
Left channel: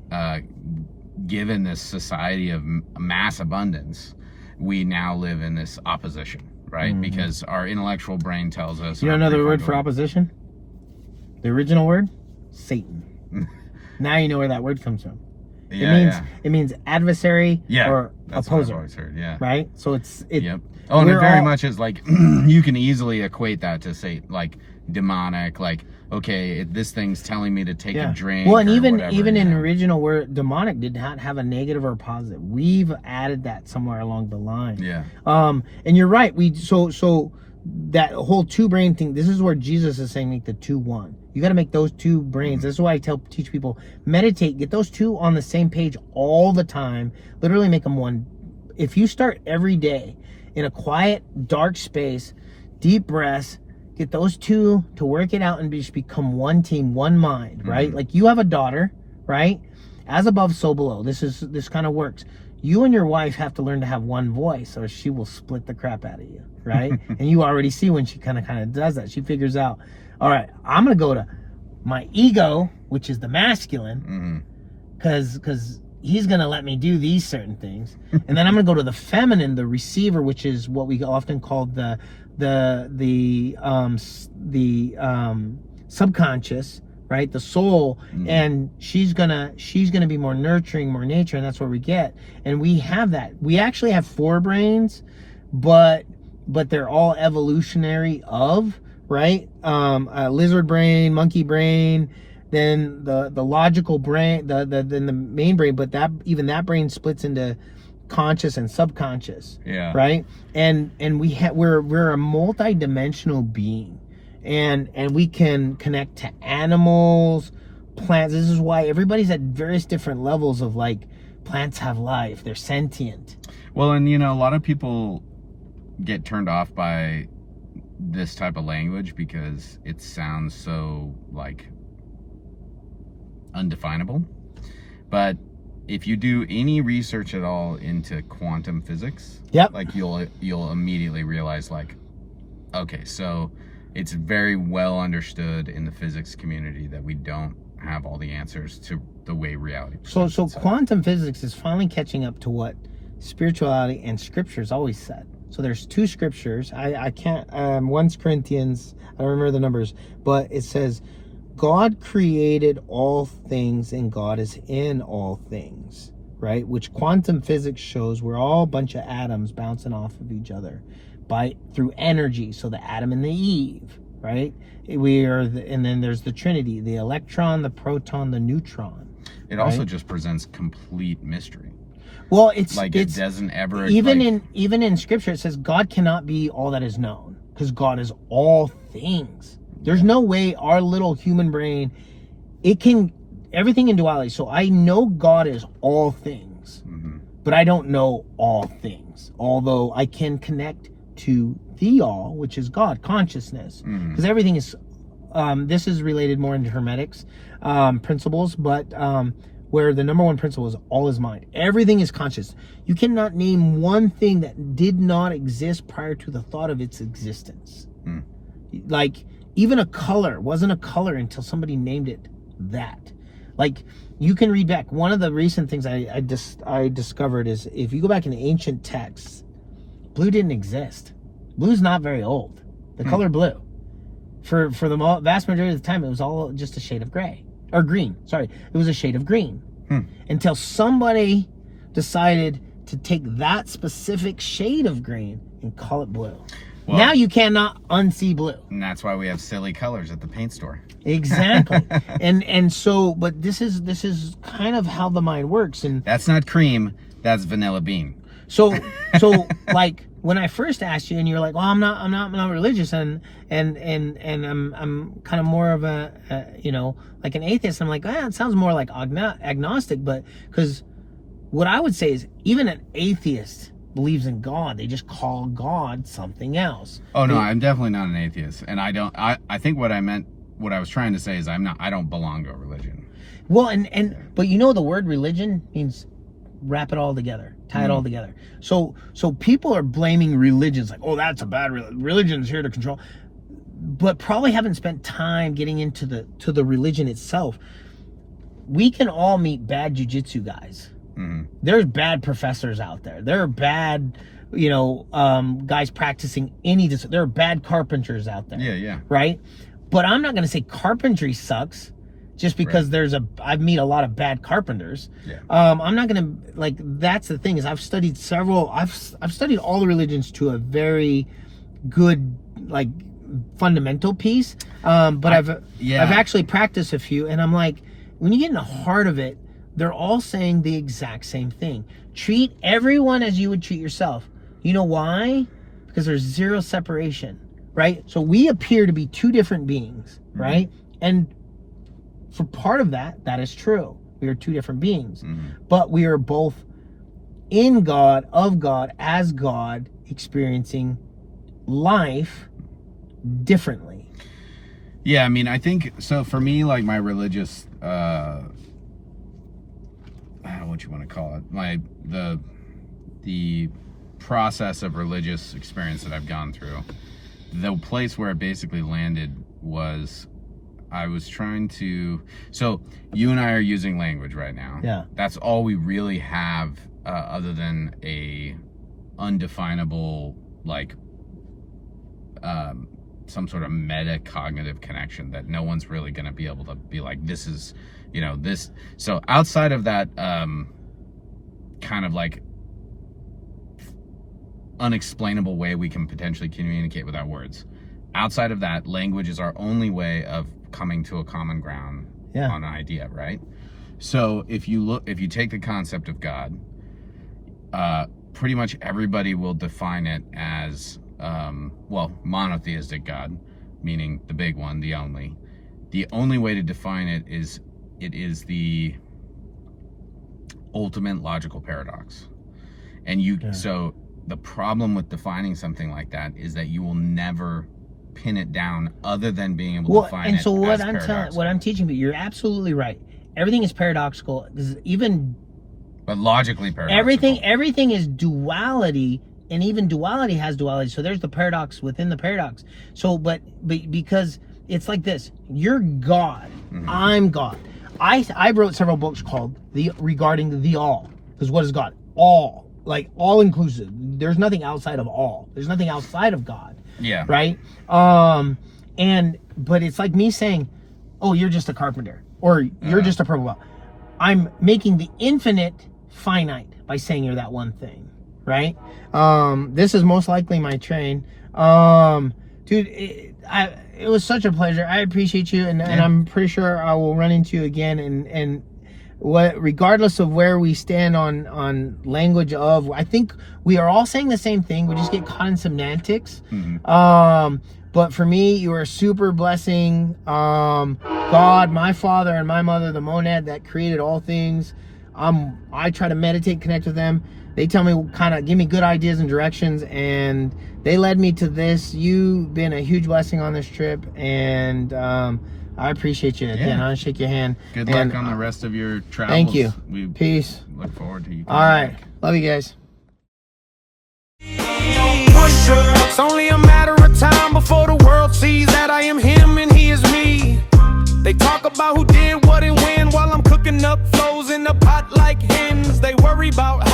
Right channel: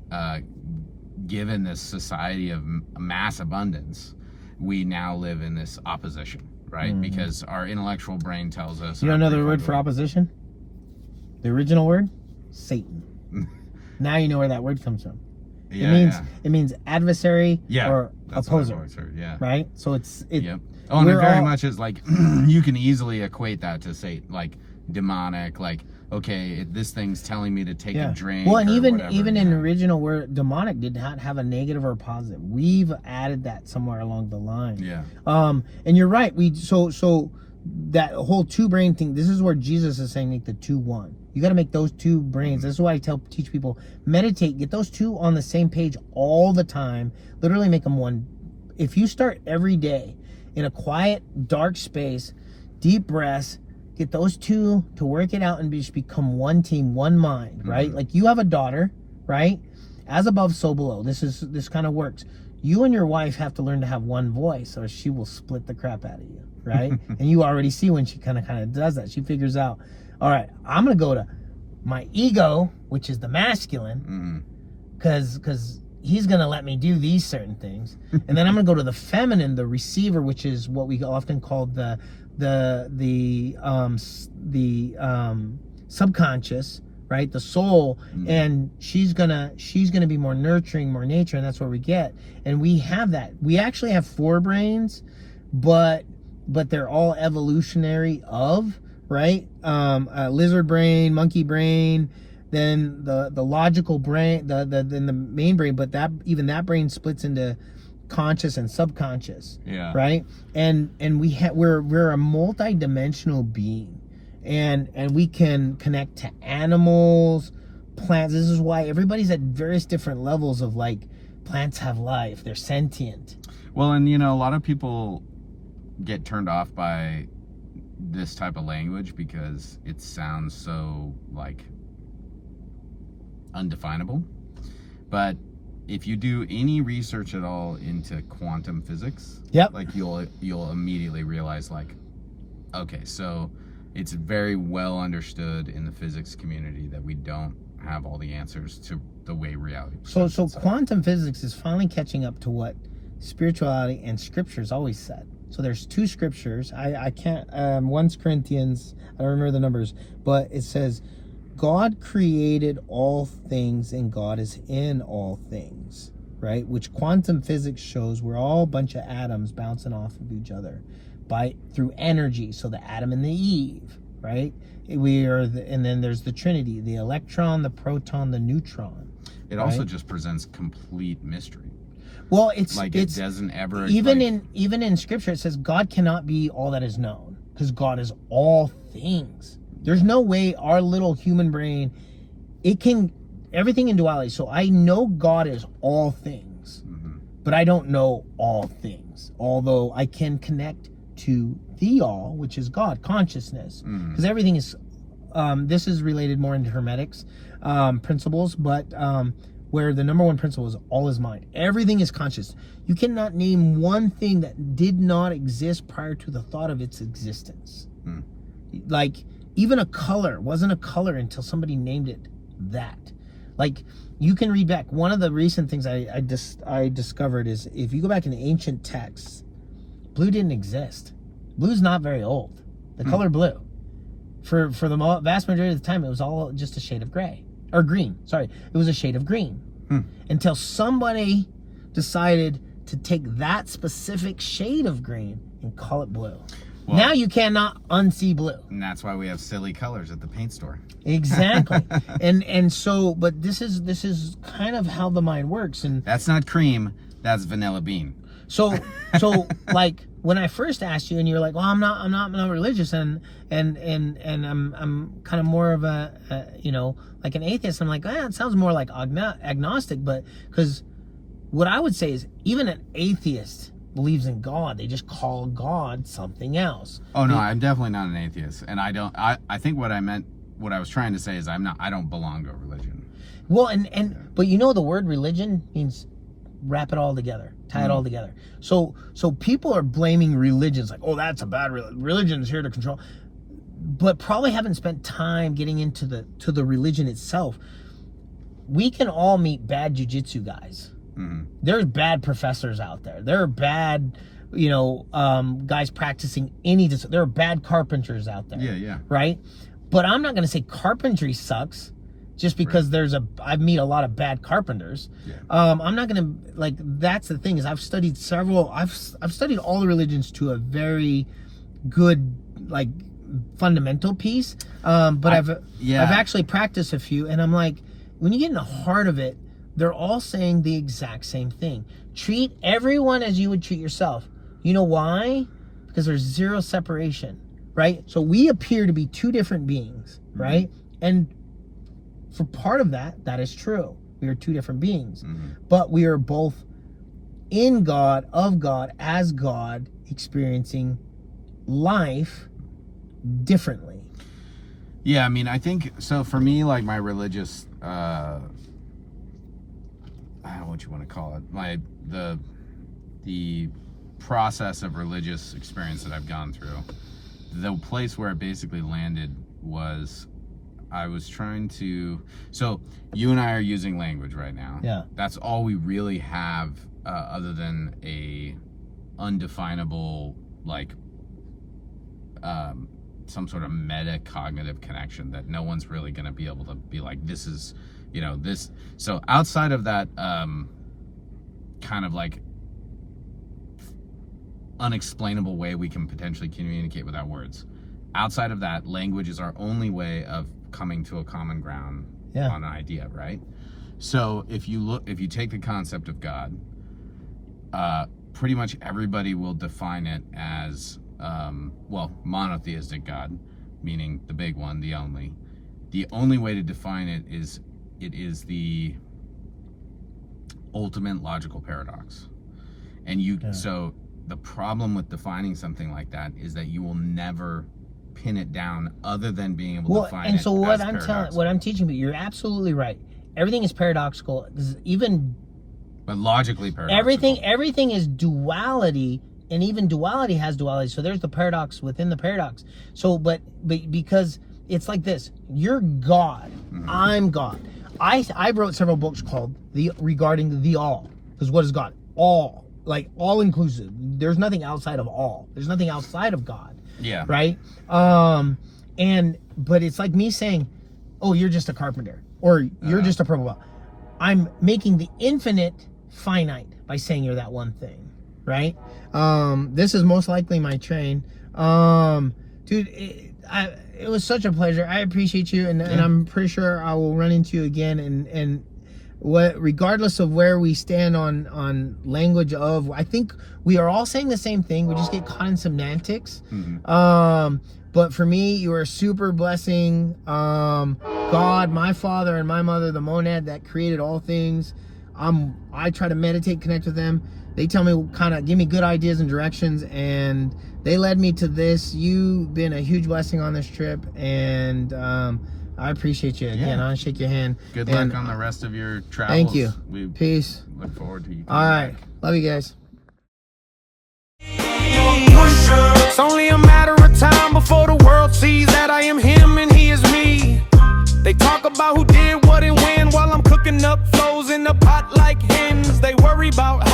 given this society of mass abundance, we now live in this opposition, right? Because our intellectual brain tells us... You know another word for opposition? The original word? Satan. Now you know where that word comes from. It means adversary or opposer. I've heard, right? So it's Yep. Oh, and it very much is like, you can easily equate that to, say, like, demonic, like, okay, this thing's telling me to take a drink. Well, and even in the original word, demonic did not have a negative or a positive. We've added that somewhere along the line. Yeah. And you're right. So that whole two brain thing, this is where Jesus is saying make the two one. You got to make those two brains. This is why I teach people, meditate, get those two on the same page all the time. Literally make them one. If you start every day in a quiet, dark space, deep breaths, get those two to work it out and just become one team, one mind, right? Like you have a daughter, right? As above, so below. This kind of works. You and your wife have to learn to have one voice, or she will split the crap out of you, right? And you already see when she kind of does that. She figures out, all right, I'm gonna go to my ego, which is the masculine, because he's gonna let me do these certain things, and then I'm gonna go to the feminine, the receiver, which is what we often call the subconscious, right? The soul, and she's gonna be more nurturing, more nature, and that's what we get. And we have that. We actually have 4 brains, but they're all evolutionary of, right? Lizard brain, monkey brain, then the logical brain, then the main brain, but that brain splits into conscious and subconscious. Yeah. Right? And we're a multi-dimensional being. And we can connect to animals, plants. This is why everybody's at various different levels of, like, plants have life, they're sentient. Well, and you know, a lot of people get turned off by this type of language because it sounds so, like, undefinable. But if you do any research at all into quantum physics, yep, like you'll immediately realize, like, okay, so it's very well understood in the physics community that we don't have all the answers to the way reality presents so itself. quantum physics is finally catching up to what spirituality and scriptures always said. So there's two scriptures. I can't, one's Corinthians, I don't remember the numbers, but it says, God created all things and God is in all things, right? Which quantum physics shows we're all a bunch of atoms bouncing off of each other through energy. So the Adam and the Eve, right? And then there's the Trinity, the electron, the proton, the neutron. It also just presents complete mystery. Well, it doesn't ever, even in scripture it says God cannot be all that is known, because God is all things. There's no way our little human brain, everything in duality. So I know God is all things, but I don't know all things. Although I can connect to the all, which is God, consciousness. Because everything is, this is related more into Hermetics principles, but where the number one principle is all is mind. Everything is conscious. You cannot name one thing that did not exist prior to the thought of its existence. Like, even a color wasn't a color until somebody named it that. Like, you can read back. One of the recent things I discovered is, if you go back in the ancient texts, blue didn't exist. Blue's not very old. The color blue. For the vast majority of the time, it was all just a shade of gray. Or green, sorry. It was a shade of green. Until somebody decided to take that specific shade of green and call it blue. Well, now you cannot unsee blue. And that's why we have silly colors at the paint store. Exactly. and so, but this is kind of how the mind works. And that's not cream, that's vanilla bean. So like, when I first asked you and you were like, well, I'm not religious, and I'm kind of more of a like an atheist. I'm like, it sounds more like agnostic, but because what I would say is, even an atheist believes in God. They just call God something else. Oh no, I'm definitely not an atheist, and I think what I was trying to say is I don't belong to a religion. Well, but the word religion means wrap it all together, tie it all together. So people are blaming religions, like, oh, that's a bad religion's here to control, but probably haven't spent time getting into the religion itself. We can all meet bad jujutsu guys. There's bad professors out there. There are bad, guys practicing there are bad carpenters out there. Yeah. Right? But I'm not going to say carpentry sucks just because I meet a lot of bad carpenters. Yeah. I'm not going to, that's the thing, is I've studied I've studied all the religions to a very good, fundamental piece. But I've actually practiced a few, and I'm like, when you get in the heart of it, they're all saying the exact same thing. Treat everyone as you would treat yourself. You know why? Because there's zero separation, right? So we appear to be two different beings, right? And for part of that is true. We are two different beings. But we are both in God, of God, as God, experiencing life differently. Yeah, I mean, I think, so for me, like, my religious, what you want to call it, the process of religious experience that I've gone through, the place where it basically landed was, I was trying to, so you and I are using language right now. Yeah. That's all we really have, other than a undefinable, some sort of meta-cognitive connection that no one's really going to be able to be like, this is, this. So outside of that, kind of unexplainable way we can potentially communicate without words, outside of that, language is our only way of coming to a common ground on an idea, right? So if you take the concept of God, pretty much everybody will define it as, monotheistic God, meaning the big one, the only. The only way to define it is the ultimate logical paradox. And so the problem with defining something like that is that you will never pin it down other than being able to define it. And so what I'm teaching you, you're absolutely right. Everything is paradoxical. But logically paradoxical. Everything is duality, and even duality has duality. So there's the paradox within the paradox. So, but because it's like this, you're God, I'm God. I wrote several books called regarding the all, because what is God? All, like all inclusive. There's nothing outside of all. There's nothing outside of God. Yeah. Right. But it's like me saying, oh, you're just a carpenter, or you're just a purple belt. I'm making the infinite finite by saying you're that one thing, right? This is most likely my train. Dude, it was such a pleasure. I appreciate you, and I'm pretty sure I will run into you again. And regardless of where we stand on language of, I think we are all saying the same thing. We just get caught in semantics. But for me, you are a super blessing. God, my father and my mother, the monad that created all things. I try to meditate, connect with them. They tell me, kind of give me good ideas and directions, and they led me to this. You've been a huge blessing on this trip, and I appreciate you again. I'll shake your hand. Good luck on the rest of your travels. Thank you. Peace. Look forward to you. All right. Love you guys. It's only a matter of time before the world sees that I am him and he is me. They talk about who did what and when while I'm cooking up flows in the pot like hens. They worry about